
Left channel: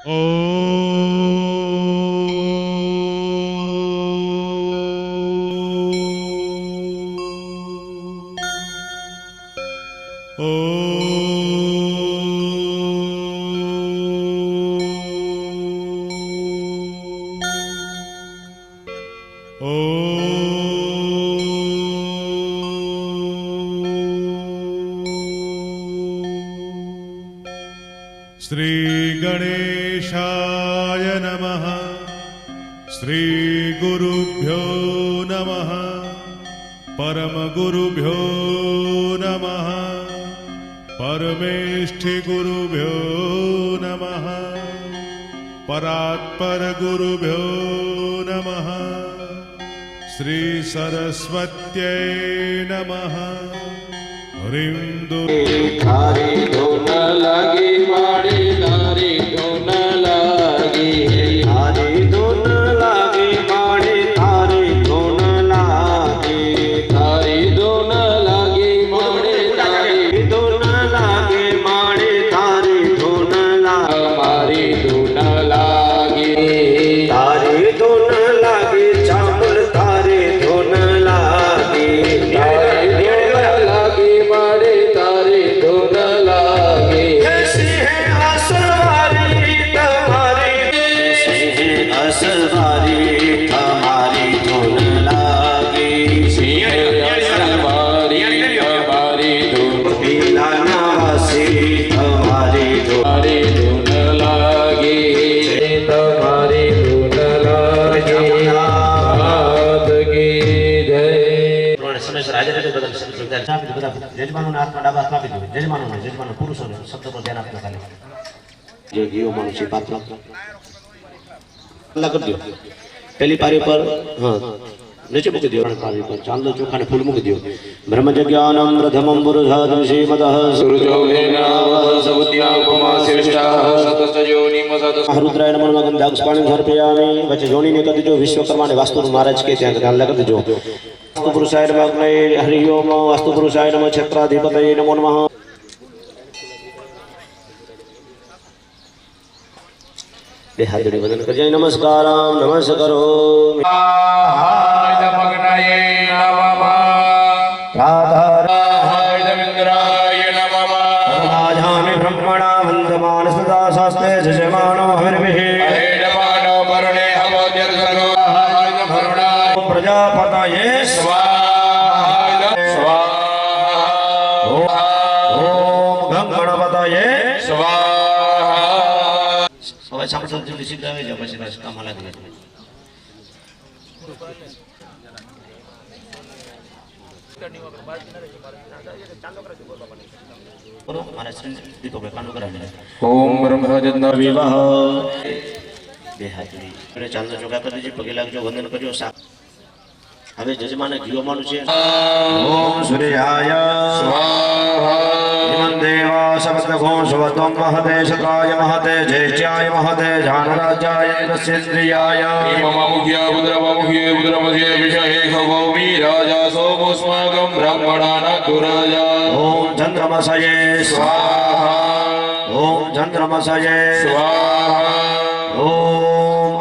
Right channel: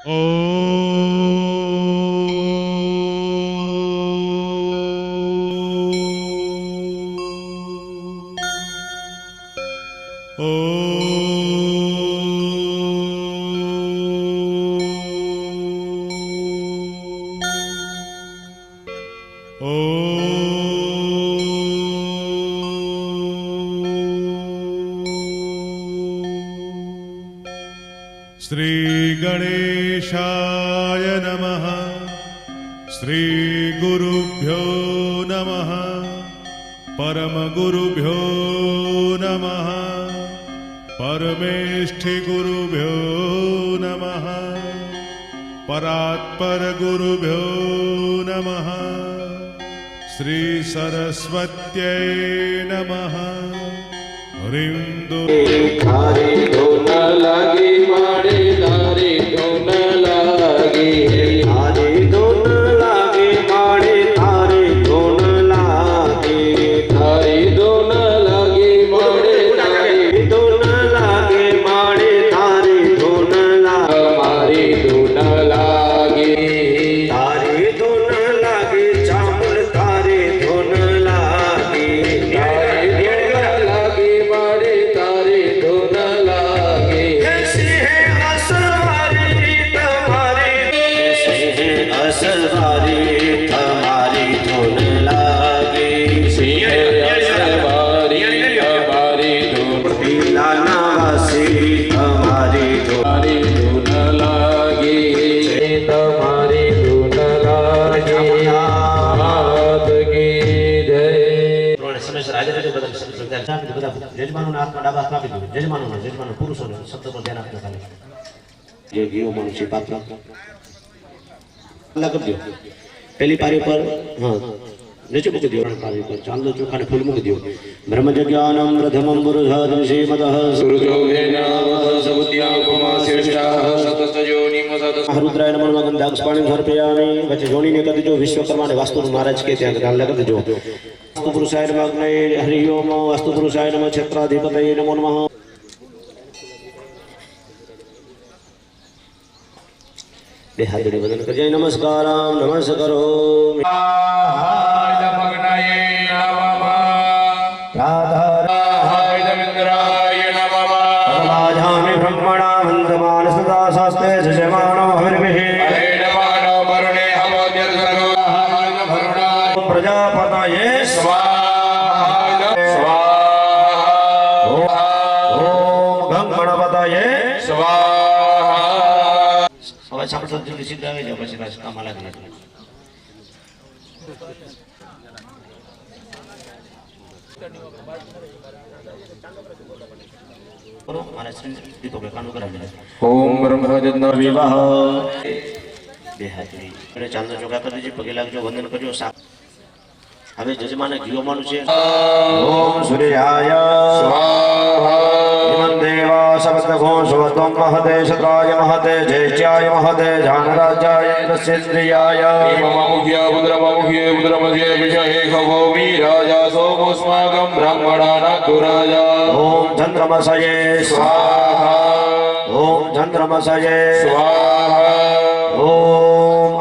श्री गणेशाय नमः। श्री गुरुभ्यो नमः। परम गुरुभ्यो नमः। परमेष्ठि गुरुभ्यो नमः। परात्पर गुरुभ्यो नमः। श्री सरस्वत्यै नमः। ह्रीं थारी धुन लगी माड़ी थारी धुन लगी थारी धुन लगी माड़ी थारी धुन लगी थारी धुन लगी माड़ी थारी धुन लगी माड़ी थारी धुन मारी धुन लगी थारी धुन लगी चामुल थारी धुन लगी असवारी तुम्हारी धुन लागी असवारी हमारी धुन पीलानावासी हमारी तुम्हारी धुन लागी तुम्हारी धुन लागी हाथ की जय समय से राजा के बदल जजमानों ने आत्मा डाबा कापी दो जजमानों पुरुषों ने शब्द को ध्यान आपने खाली ये जीव मनुष्य पात्र अलग कर दियो पहली पारी पर हाँ नीचे मुक दियो पारी पर चांद चोखा ने फूल मुक दियो ब्रह्म ज्ञानम प्रथमम पुरुषादि श्रीमतः सुरजो वेनावः सबुद्ध्या उपमा श्रेष्ठः सतस्तयोनि मसतः रुद्राय नमः गंधाक्ष पाणी समर्पयामि वच जोनी ने कदी जो विश्वकर्मा ने वास्तु महाराज के ત્યાં ध्यान लगा दो वास्तु पुरुषाय नमः हरि ओम वास्तु पुरुषाय नमः क्षेत्राधिपतये नमो नमः हाथ जोड़ी वंदन कर जाए नमस्कारम नमस्कारो राधाराय ब्रह्मणा वंदमान सदा शास्त्रे जयमानो हविर्भिः प्रजापतये स्वाहा ओम गणपतये स्वाहा सामने जो निश्चित आवे जो પછી રાજ કામ લાગે બોલો મારા શ્રી દીકો બે કાંડો કરાવે ઓમ બ્રહ્મજન વિવાહ બે હાથની અને ચાંદનો ચોકા કરી દીજી પગે લાગજો વંદન કરજો હવે જજમાને ઘીઓમાંનું છે ઓમ સૂર્યાય સ્વાહા ઇમં દેવા સપ્તઘો સ્વતમ મહતે શત્રાય મહતે જૈત્યાય મહતે જાનરાજાય ઇન્દ્રસેન્દ્રિયાય મમામુખ્ય પુત્રમધ્ય વિષયે ખગોમી રાજા સોમોસ્માગમ બ્રહ્મણાના કુરાજા ઓમ ચંદ્રમસયે સ્વાહા ઓમ ચંદ્રમસયે સ્વાહા ઓમ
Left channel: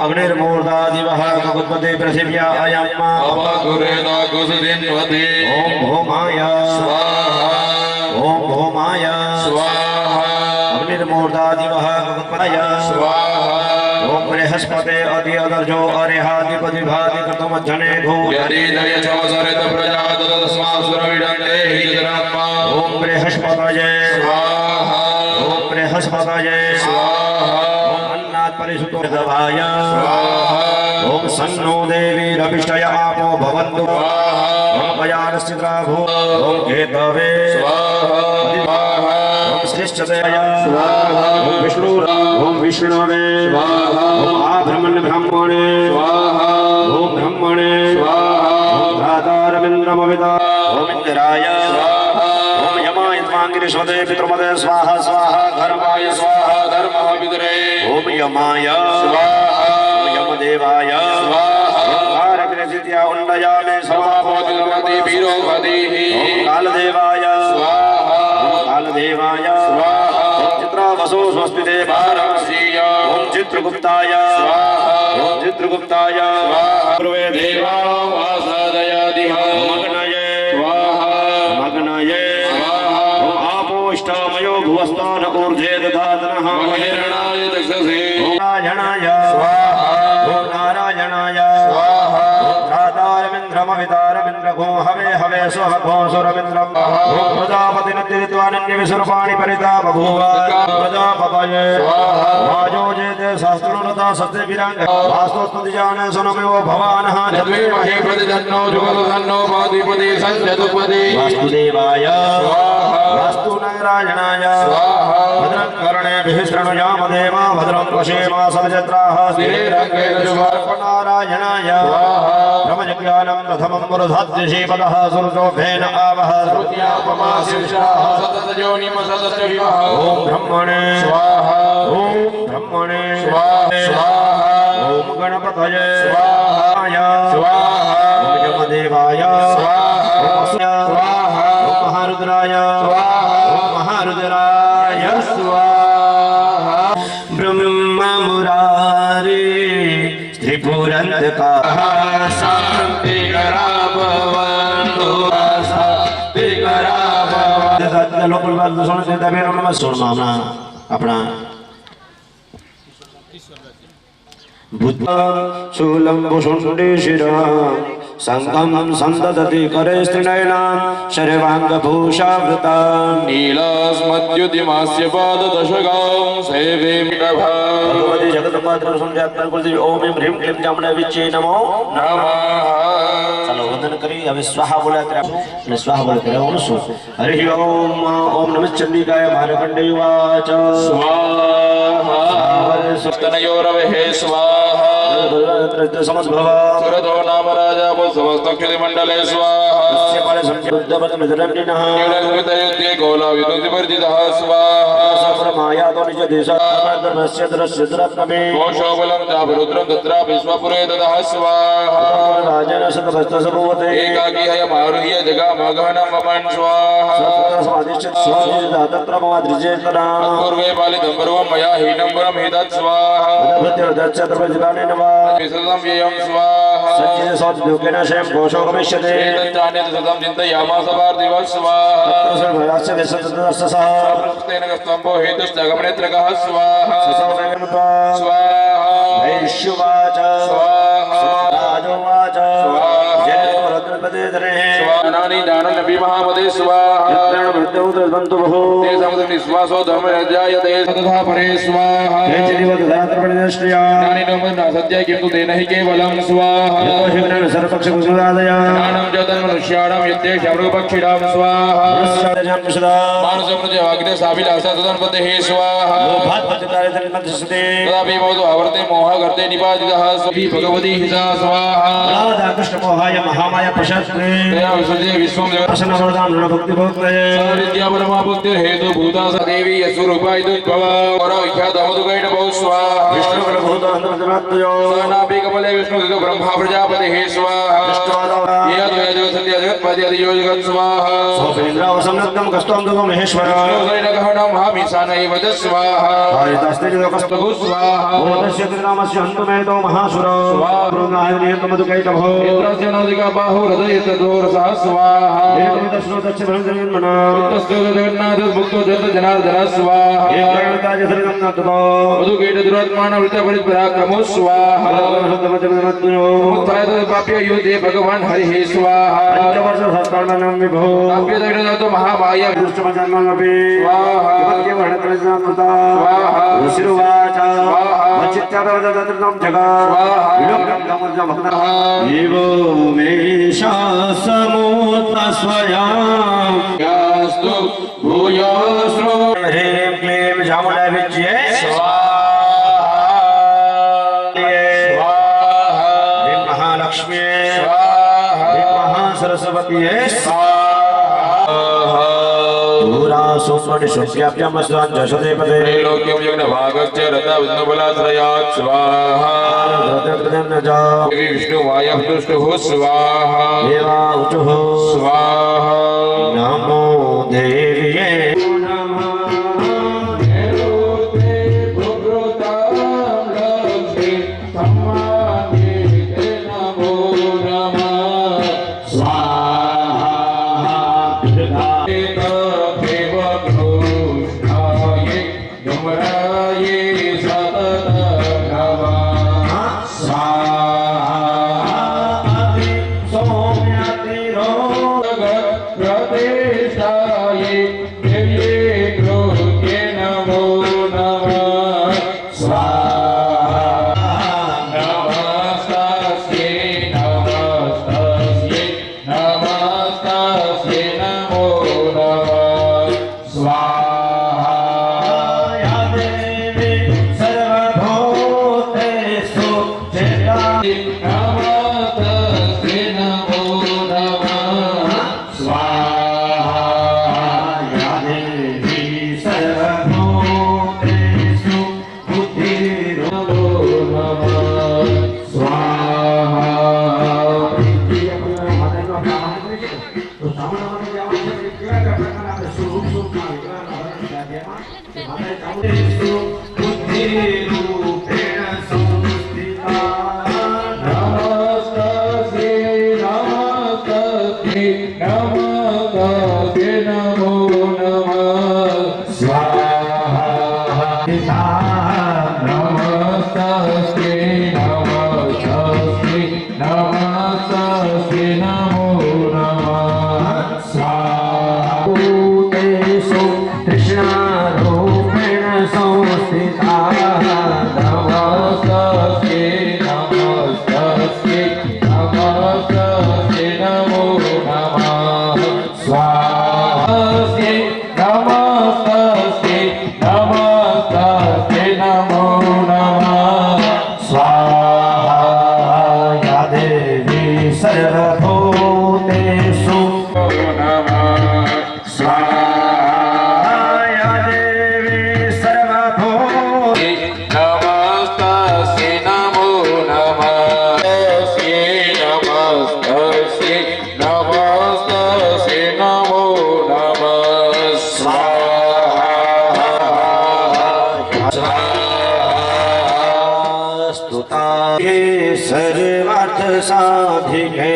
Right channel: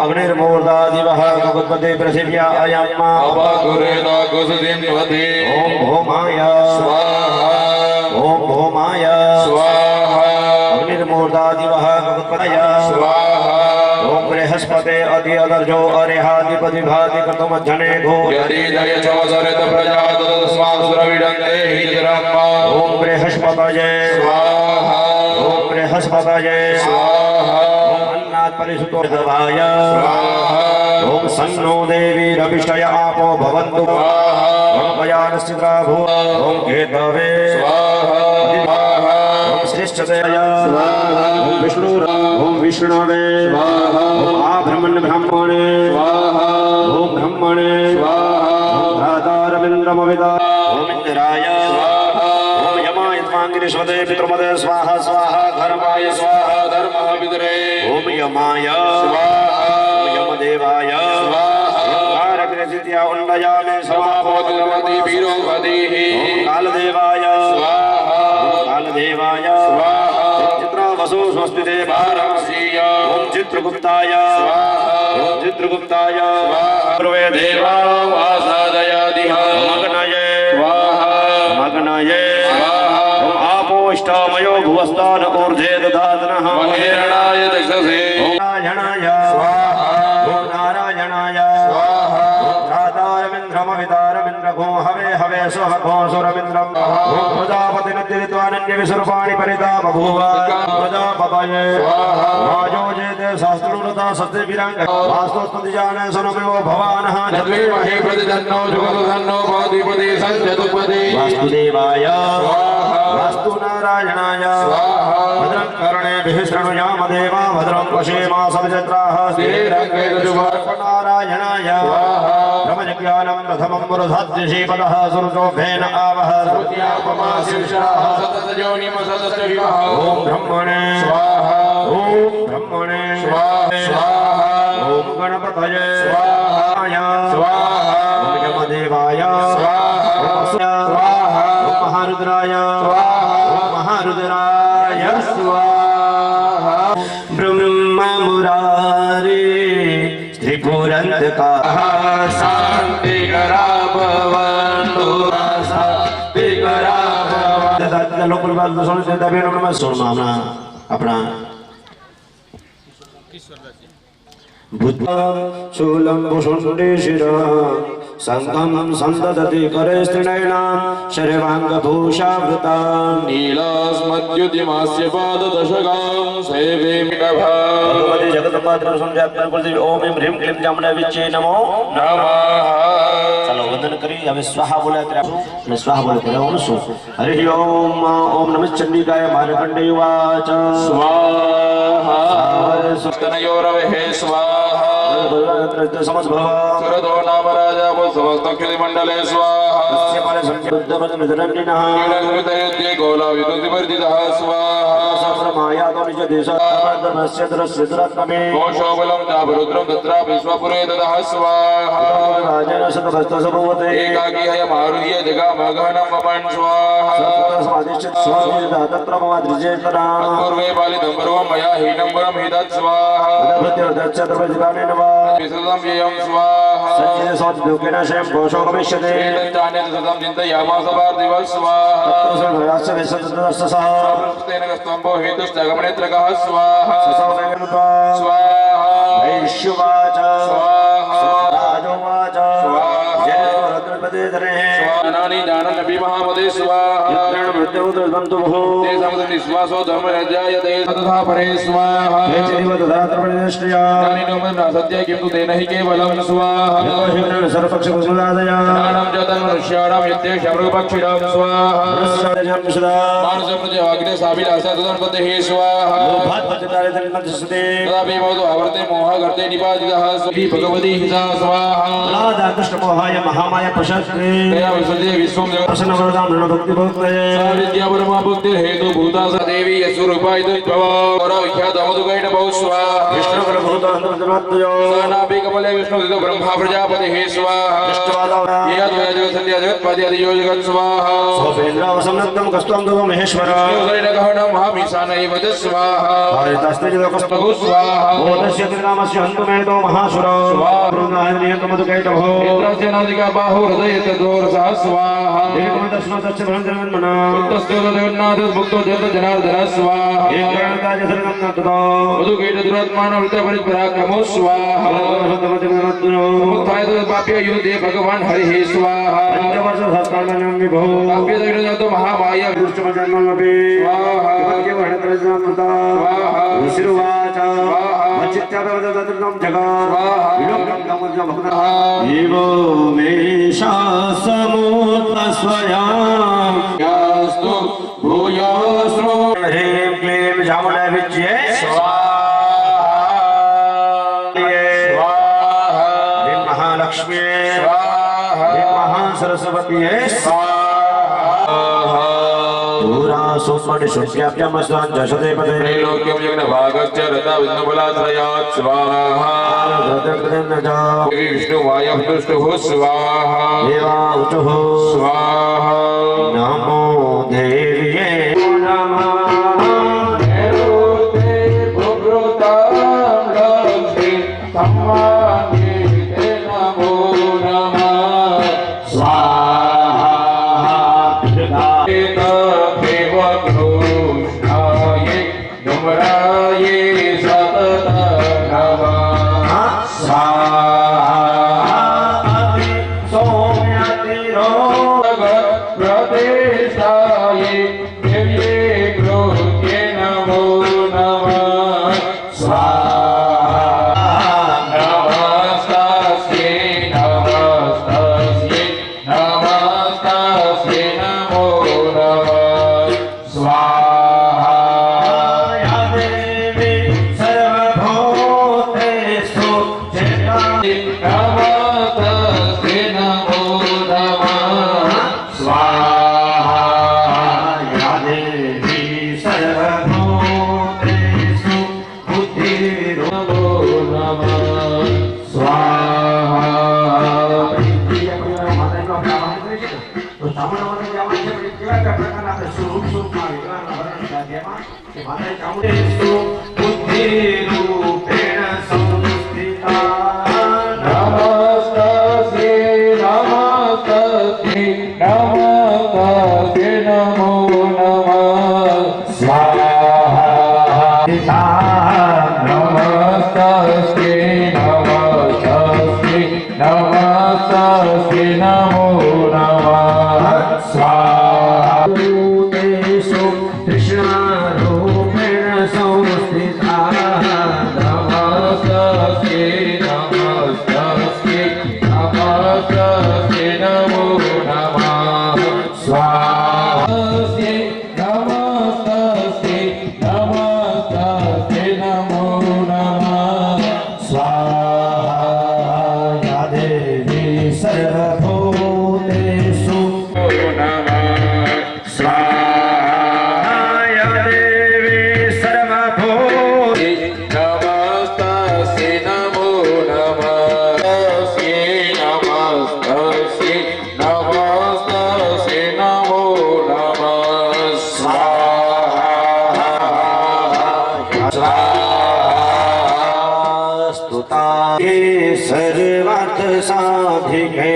अग्निर्मूर्धादिवः गगुत्पते पृथिव्या अयम् अवगुरेण गुसुदिन्वते ओम भौमाय स्वाहा ओम भौमाय स्वाहा अग्निर्मूर्धादिवः गगुत्पतय स्वाहा ओम बृहस्पते अति अदर्जो अरिहादिपति भाति कृतमज्जने भो यदिदय चवसरित प्रजा तस्मात् सुरविडन्ते हिजरात्मा ओम बृहस्पतये स्वाहा ओम बृहस्पतये स्वाहा परिसुतो दवाय ओम सन्नो देवी रविष्टय आपो भवन्तु ओम पयानस्थिता भो ओम केतवे स्वाहा ओम श्रेष्ठतय स्वाहा ओम विष्णवे स्वाहा ओम आब्रह्मण्य ब्राह्मणे स्वाहा ओम ब्रह्मणे स्वाहा ओम भ्रातारविन्द्रमविदा ओम इंद्राय स्वाहा ओम यमाय त्वांगिरिष्वते पितृमते स्वाहा स्वाहा धर्माय स्वाहा धर्मः पितरे ओम यमाय स्वाहा ओम यमदेवाय स्वाहा कारग्रजित्या उन्नयामे समापोतिमति वीरोपतिः ओम कालदेवाय स्वाहा ओम कालदेवाय स्वाहा चित्रावसो स्वस्तिते भारमसीय ओम चित्रगुप्ताय ओम चित्रगुप्ताय पूर्वे देवा वासादयादिह मग्नाय स्वाहा मग्नाय ओम आपोष्टामयो भुवस्तान ऊर्ध्वे दधातनः महिरणाय दक्षसे ओम नारायणाय स्वाहा ओम नारायणाय स्वाहा वितारमिन्द्रघो हवे हवे स्वः घो सुरमिन्द्रम् ओम प्रजापति नित्यरित्वानन्य विसर्पाणि परिता बभूव प्रजापतये वाजोजेते शास्त्रोरता सत्य विरांग वास्तोस्तुति जाने सुनमेव भवानः जद्विमहे प्रतिजन्नो जुगलधन्नो पादिपति संजतुपति वास्तुदेवाय स्वाहा वास्तु नारायणाय स्वाहा भद्रं कर्णेभिः शृणुयाम देवा भद्रं पश्येमा सविजत्राः नारायणाय ब्रह्मज्ञानं प्रथमं वरुधाद्यशीपदः सुरजोभेन आवह सर्वज्ञापमाशिषाः सततयोनिम सततविवः ॐ ब्रह्मणे स्वाहा ॐ ब्रह्मणे स्वाहा ॐ गणपतये स्वाहा स्वाहा ॐ यमदेवाय स्वाहा स्वाहा ॐ महारुद्राय स्वाहा ॐ महारुद्राय स्वाहा ब्रह्ममुरारी त्रिपुरन्तकाः शान्तिकरा भवन्तु शान्तिकरा अपना बुद्ध शूलं भुषुण्डे शिरः संगम संददति करे स्त्रीनयनां शर्वाङ्गभूषावृता नीलास्मद्युतिमास्य पाददशकां सेवे मिटभा भगवती जगदम्बाद्र संध्यात्मन कुलदेवी ओम ह्रीं ह्रीं क्लीं चामुण्डा विच्चे नमो नमः चलो वंदन करी हमें स्वाहा बोला करे અને स्वाहा बोला करे ओम सु हरि ओम ओम नमः चंडिकाय मार्कण्डेय वाच स्वाहा सप्तनयोरवहे स्वाहा समद्भव सुरतो नाम राजा समस्तक्षति मंडले स्वाहा तस्य पाले संबुद्धवत निधरण्यनः नीलकृतयुद्धे गोलाविदुतिवर्जितः स्वाहा सप्रमाया तो निज देशाधर्मस्य दृश्यद्रत्नमे कोशोबलं चापरुद्रं तत्रा विश्वपुरे ददः स्वाहा राजेन शतभस्तसभूवते एकाकी हयमारुह्य जगामगहनं वपन् स्वाहा समादिश्य स्वादिदा तत्र ममाद्रिजेतना पूर्वे पालितं पर्वं मया हीनं वरं हितत् स्वाहा भद्रदच्च तर्वजिलाने नवा विसृतं व्ययं स्वाहा सच्चिदे सौद्योगेन शयं घोषो गमिष्यते एतच्चान्यत् सतं चिन्तयामास पार्थिवः स्वाहा सर्वरास्य विसतदस्तसः तेन कस्तम्भो हेतुश्चगमनेत्रकः स्वाहा ससौमेमुत्वा स्वाहा वैश्युवाच स्वाहा राजोवाच जयद्रपदेधरे स्वानानि दानं नबी महापदे स्वाहा भृत्यौतर्बन्तु बहु ते समदं निःश्वासो धर्मयज्ञायते तथा परे स्वाहा हे चिदिवदधात्रपणिनश्रिया ज्ञानि नोमन् सत्य किं तु तेन हि केवलं स्वाहा यतो हिमनेन सर्वपक्षकुसुदादया ज्ञानं च तन्मनुष्याणां यत्ते शमृगपक्षिणां स्वाहा पुरस्सादजां विशदा मानसमृत्यवाग्ने साभिलाषा तदन्पतेः स्वाहा भात्पतितारे तन्मध्यस्ते तदापि भवतु आवर्ते मोहः गर्ते निपातितः श्री भगवती हिता स्वाहा राधा कृष्णमोहाय महामाय प्रशस्ते तेन विसृज्य विश्वं जगत् प्रसन्नवरदां नृभक्तिभक्तये विद्या परमा भक्ति हेतु भूता स देवी यस्वरूपाय दुर्भवा और विख्यात अमधुकैट बहु स्वाहा विष्णुकुलभूतान्तर्जनात्मयो नाभि कमले विष्णुदितो ब्रह्मा प्रजापतिः स्वाहा ये द्वय जगत् सत्य जगत्पति अधियो जगत् स्वाहा सोपेन्द्रावसंनग्नं कस्त्वं दुगो महेश्वर गहनं महामीशानैव च स्वाहा हरितस्ते जगकस्तु बहु स्वाहा ओदस्य त्रिनामस्य हन्तुमेतो महासुर स्वाहायतमधुकैटभो इन्द्रस्य नोदिका बाहु हृदय तदोरसः स्वाहा एकमिदश्रोतस्य भरन्द्रमन्मना तस्य जगन्नाथ भक्तो जगत जनार्दन स्वाहा एकरणताजसरिगन्नततो मधुकैट दुरात्मान वृत्त परिपराक्रमो स्वाहा उत्थाय पाप्य युद्धे भगवान हरिः स्वाहा पंचवर्षसहस्राणां विभो पाप्य दग्धजातो महामाया दुष्टमजन्ममपि स्वाहा स्वाहा स्वाहा ऋषिरुवाच स्वाहा वचित्यादवदतृतं जगत् स्वाहा विलोकं गमजमग्नः एवो मे शासमोत्तस्वयां यास्तु भूयोऽस्रो ह्रीं क्लीं चामुण्डाभिज्ये ह्रीं महालक्ष्म्ये ह्रीं महासरस्वत्यै सुमणिशुक्याभ्यमस्वाञ्जशदेपदे त्रैलोक्यं यज्ञभागस्य रता विष्णुबलाश्रयात् स्वाहा देवी विष्णुवायः स्वाहा देवा ऊचुः स्वाहा नमो देव्ये नमः नैऋते भुभृतां सर्वार्थ साधिके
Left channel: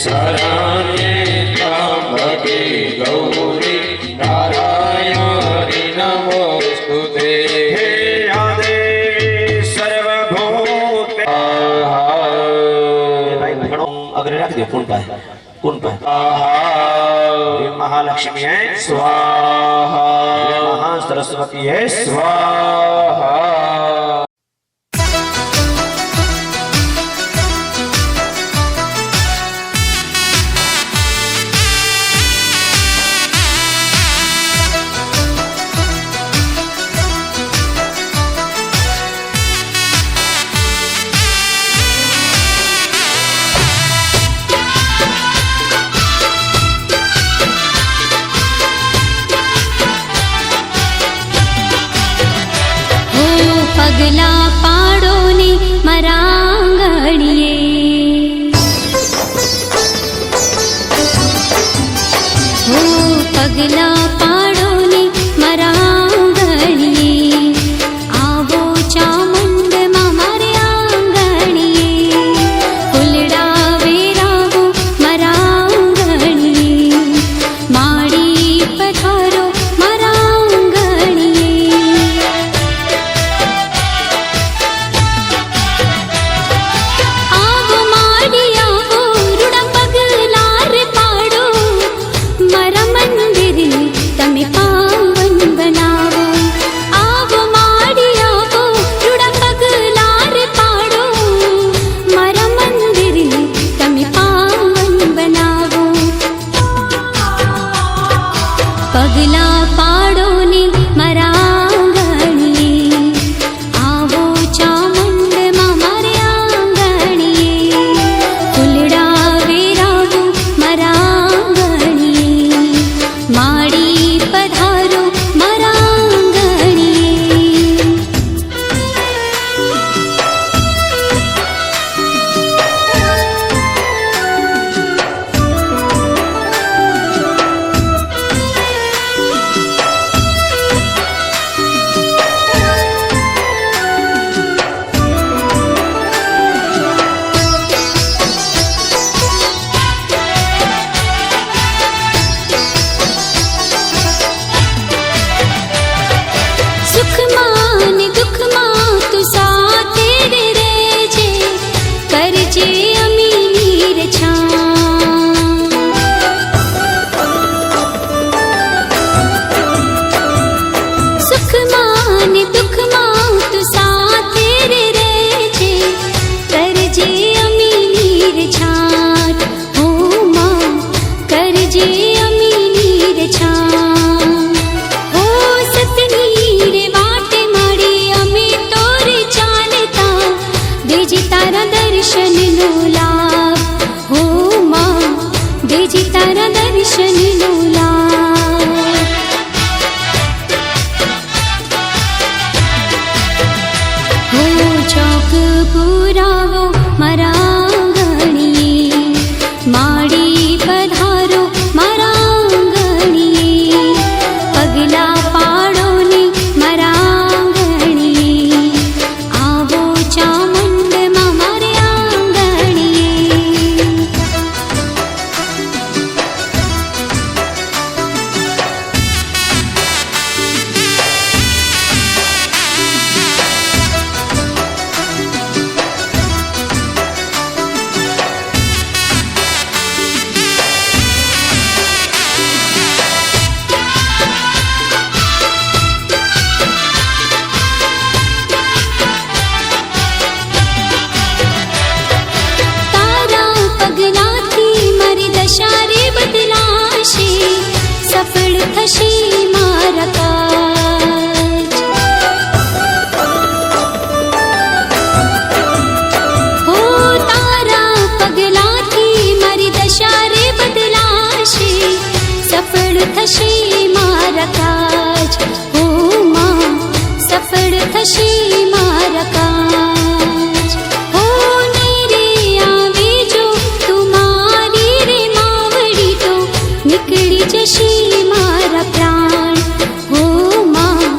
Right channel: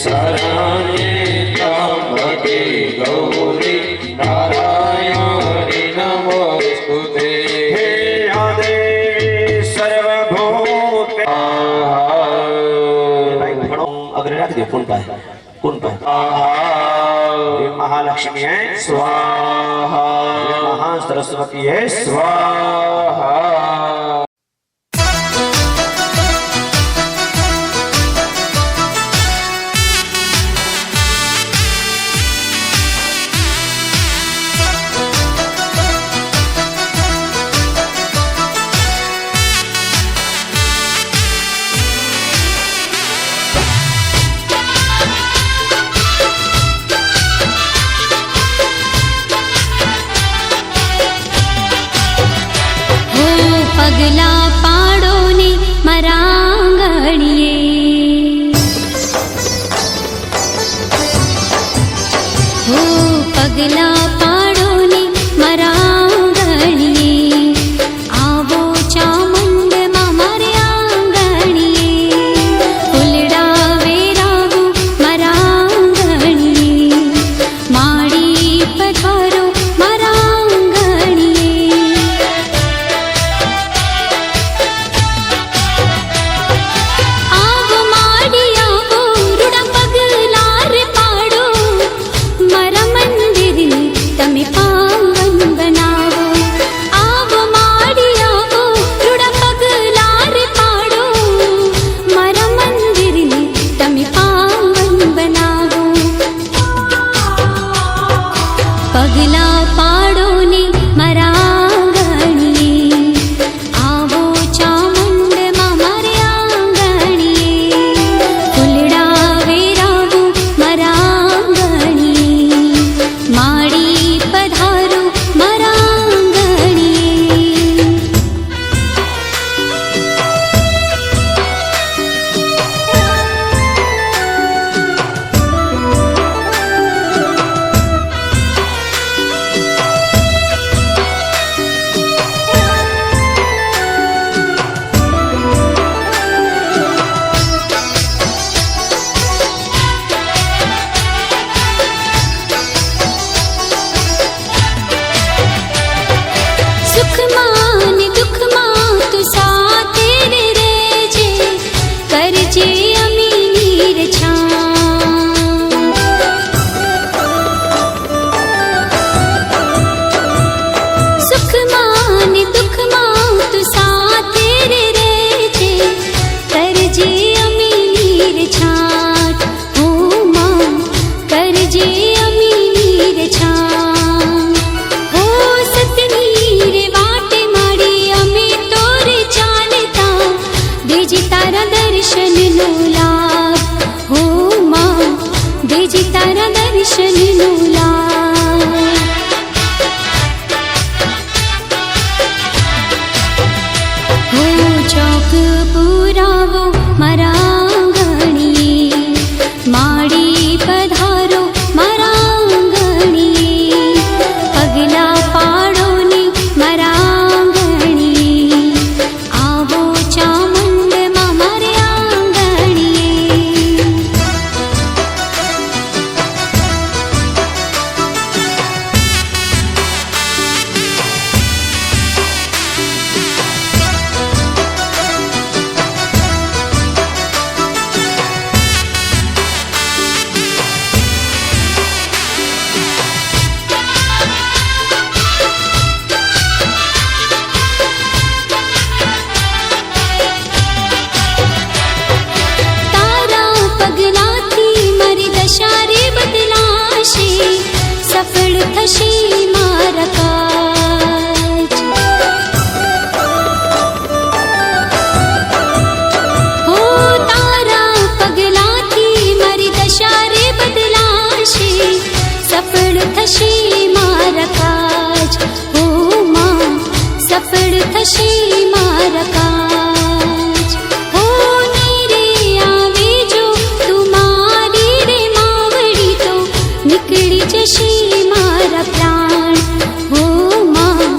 शरण्ये त्र्यम्बके गौरी नारायणी नमोस्तुते हे आदे सर्वभूते अग्र रख दिया कौन पाए महालक्ष्मी है स्वाहा महासरस्वती है स्वाहा પગલા પાડો ને મારા આંગણીએ હો પગલા પાડો ને મારા આંગણીએ આવો ચામુંડમાં મારે આંગણીએ ફૂલડા વેરાવો મારા આંગણીએ માડી પધારો મારા પગલા પાડો ને મારા આંગણીએ આવો ચામુંડમાં મારે આંગણીએ ફૂલડા વેરાવો મારા આંગણીએ માડી પધારો મારા આંગણીએ करजे अमीनी रछा सुख मान दुख मां तू साथे रे छे करजे अमीनी रछाट हो मां करजे अमीनी रछा हो सतनी रे वाटे माड़ी अमी तोरे चालता देजी तारा दर्शन नो लाभ हो मां देजी तारा दर्शन नो लाभ हो चौक पुरावो मारा आंगणीए माड़ी पधारो मारा आंगणीए पगला पाड़ो ने સફળ થશે મારા કાજ. હો તારા પગલાથી મારી દશા રે બદલાશે, સફળ થશે મારા કાજ. હો માં સફળ થશે મારા કાજ. હો નહીં રે આવે જો તું મારી રે માવડી તો નીકળી જશે મારા પ્રાણ. હો માં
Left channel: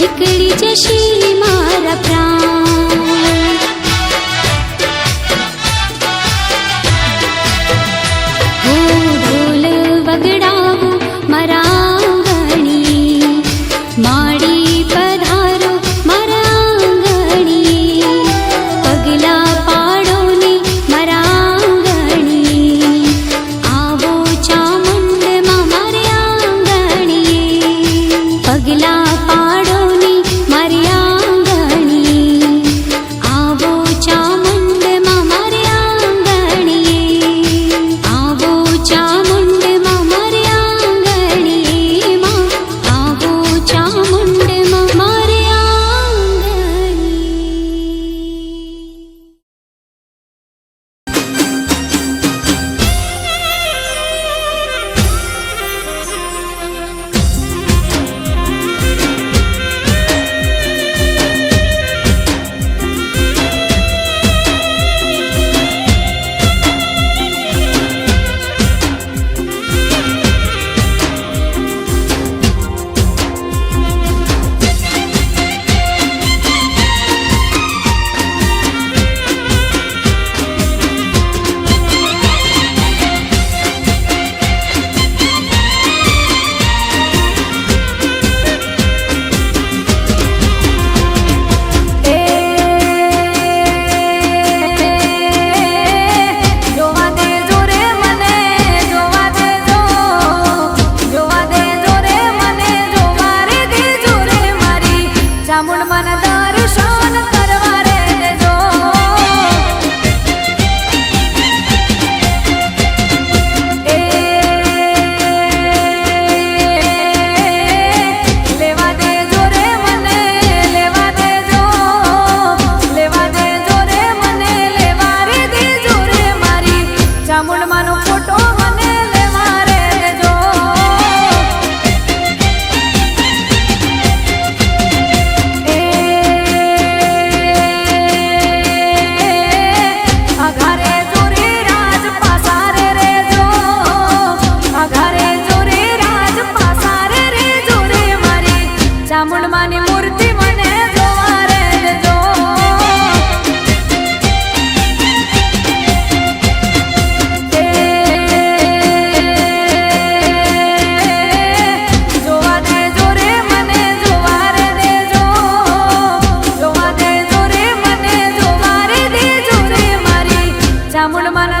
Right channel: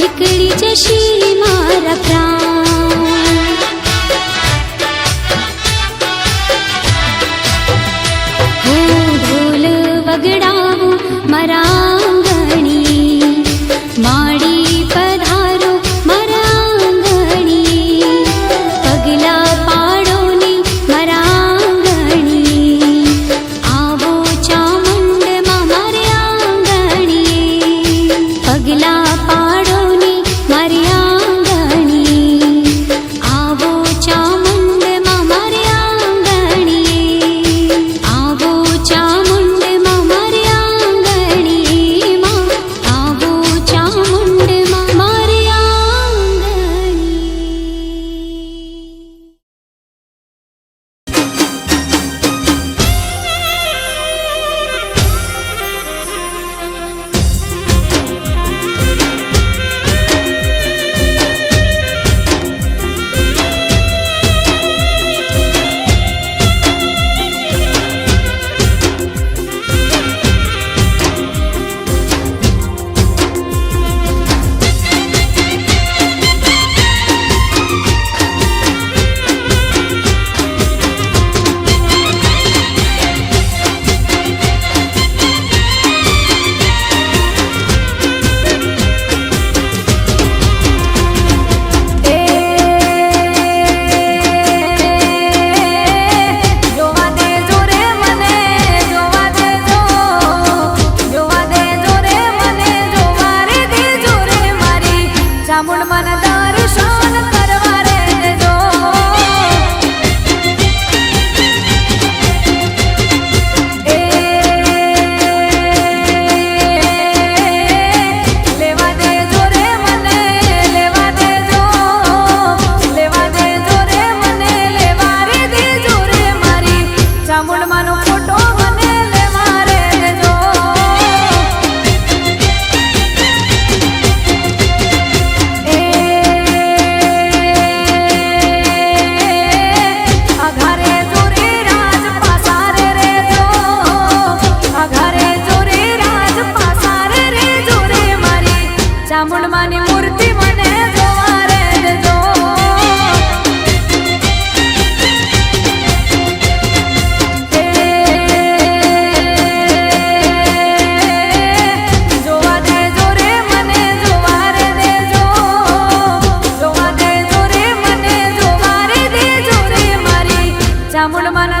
નીકળી જશે મારા પ્રાણ. હો ઢોલ વગડાવો મારા આંગણી, માડી પધારો મારા આંગણી, પગલા પાડો ને મારા આંગણી, આવો ચામુંડમાં મારે આંગણી, પગલા પાડો ને મારી આંગણી, આવો ચામુંડમાં મારે આંગણી, આવો ચામુંડમાં મારે આંગણી, માં આવો ચામુંડમાં મારે આંગણી. ચામુંડમાની મૂર્તિ મને જોવા રે દેજો. જોવા દેજો રે મને જોવા રે દેજો, જોવા દેજો રે મને જોવા રે દેજો રે મારી ચામુંડમાના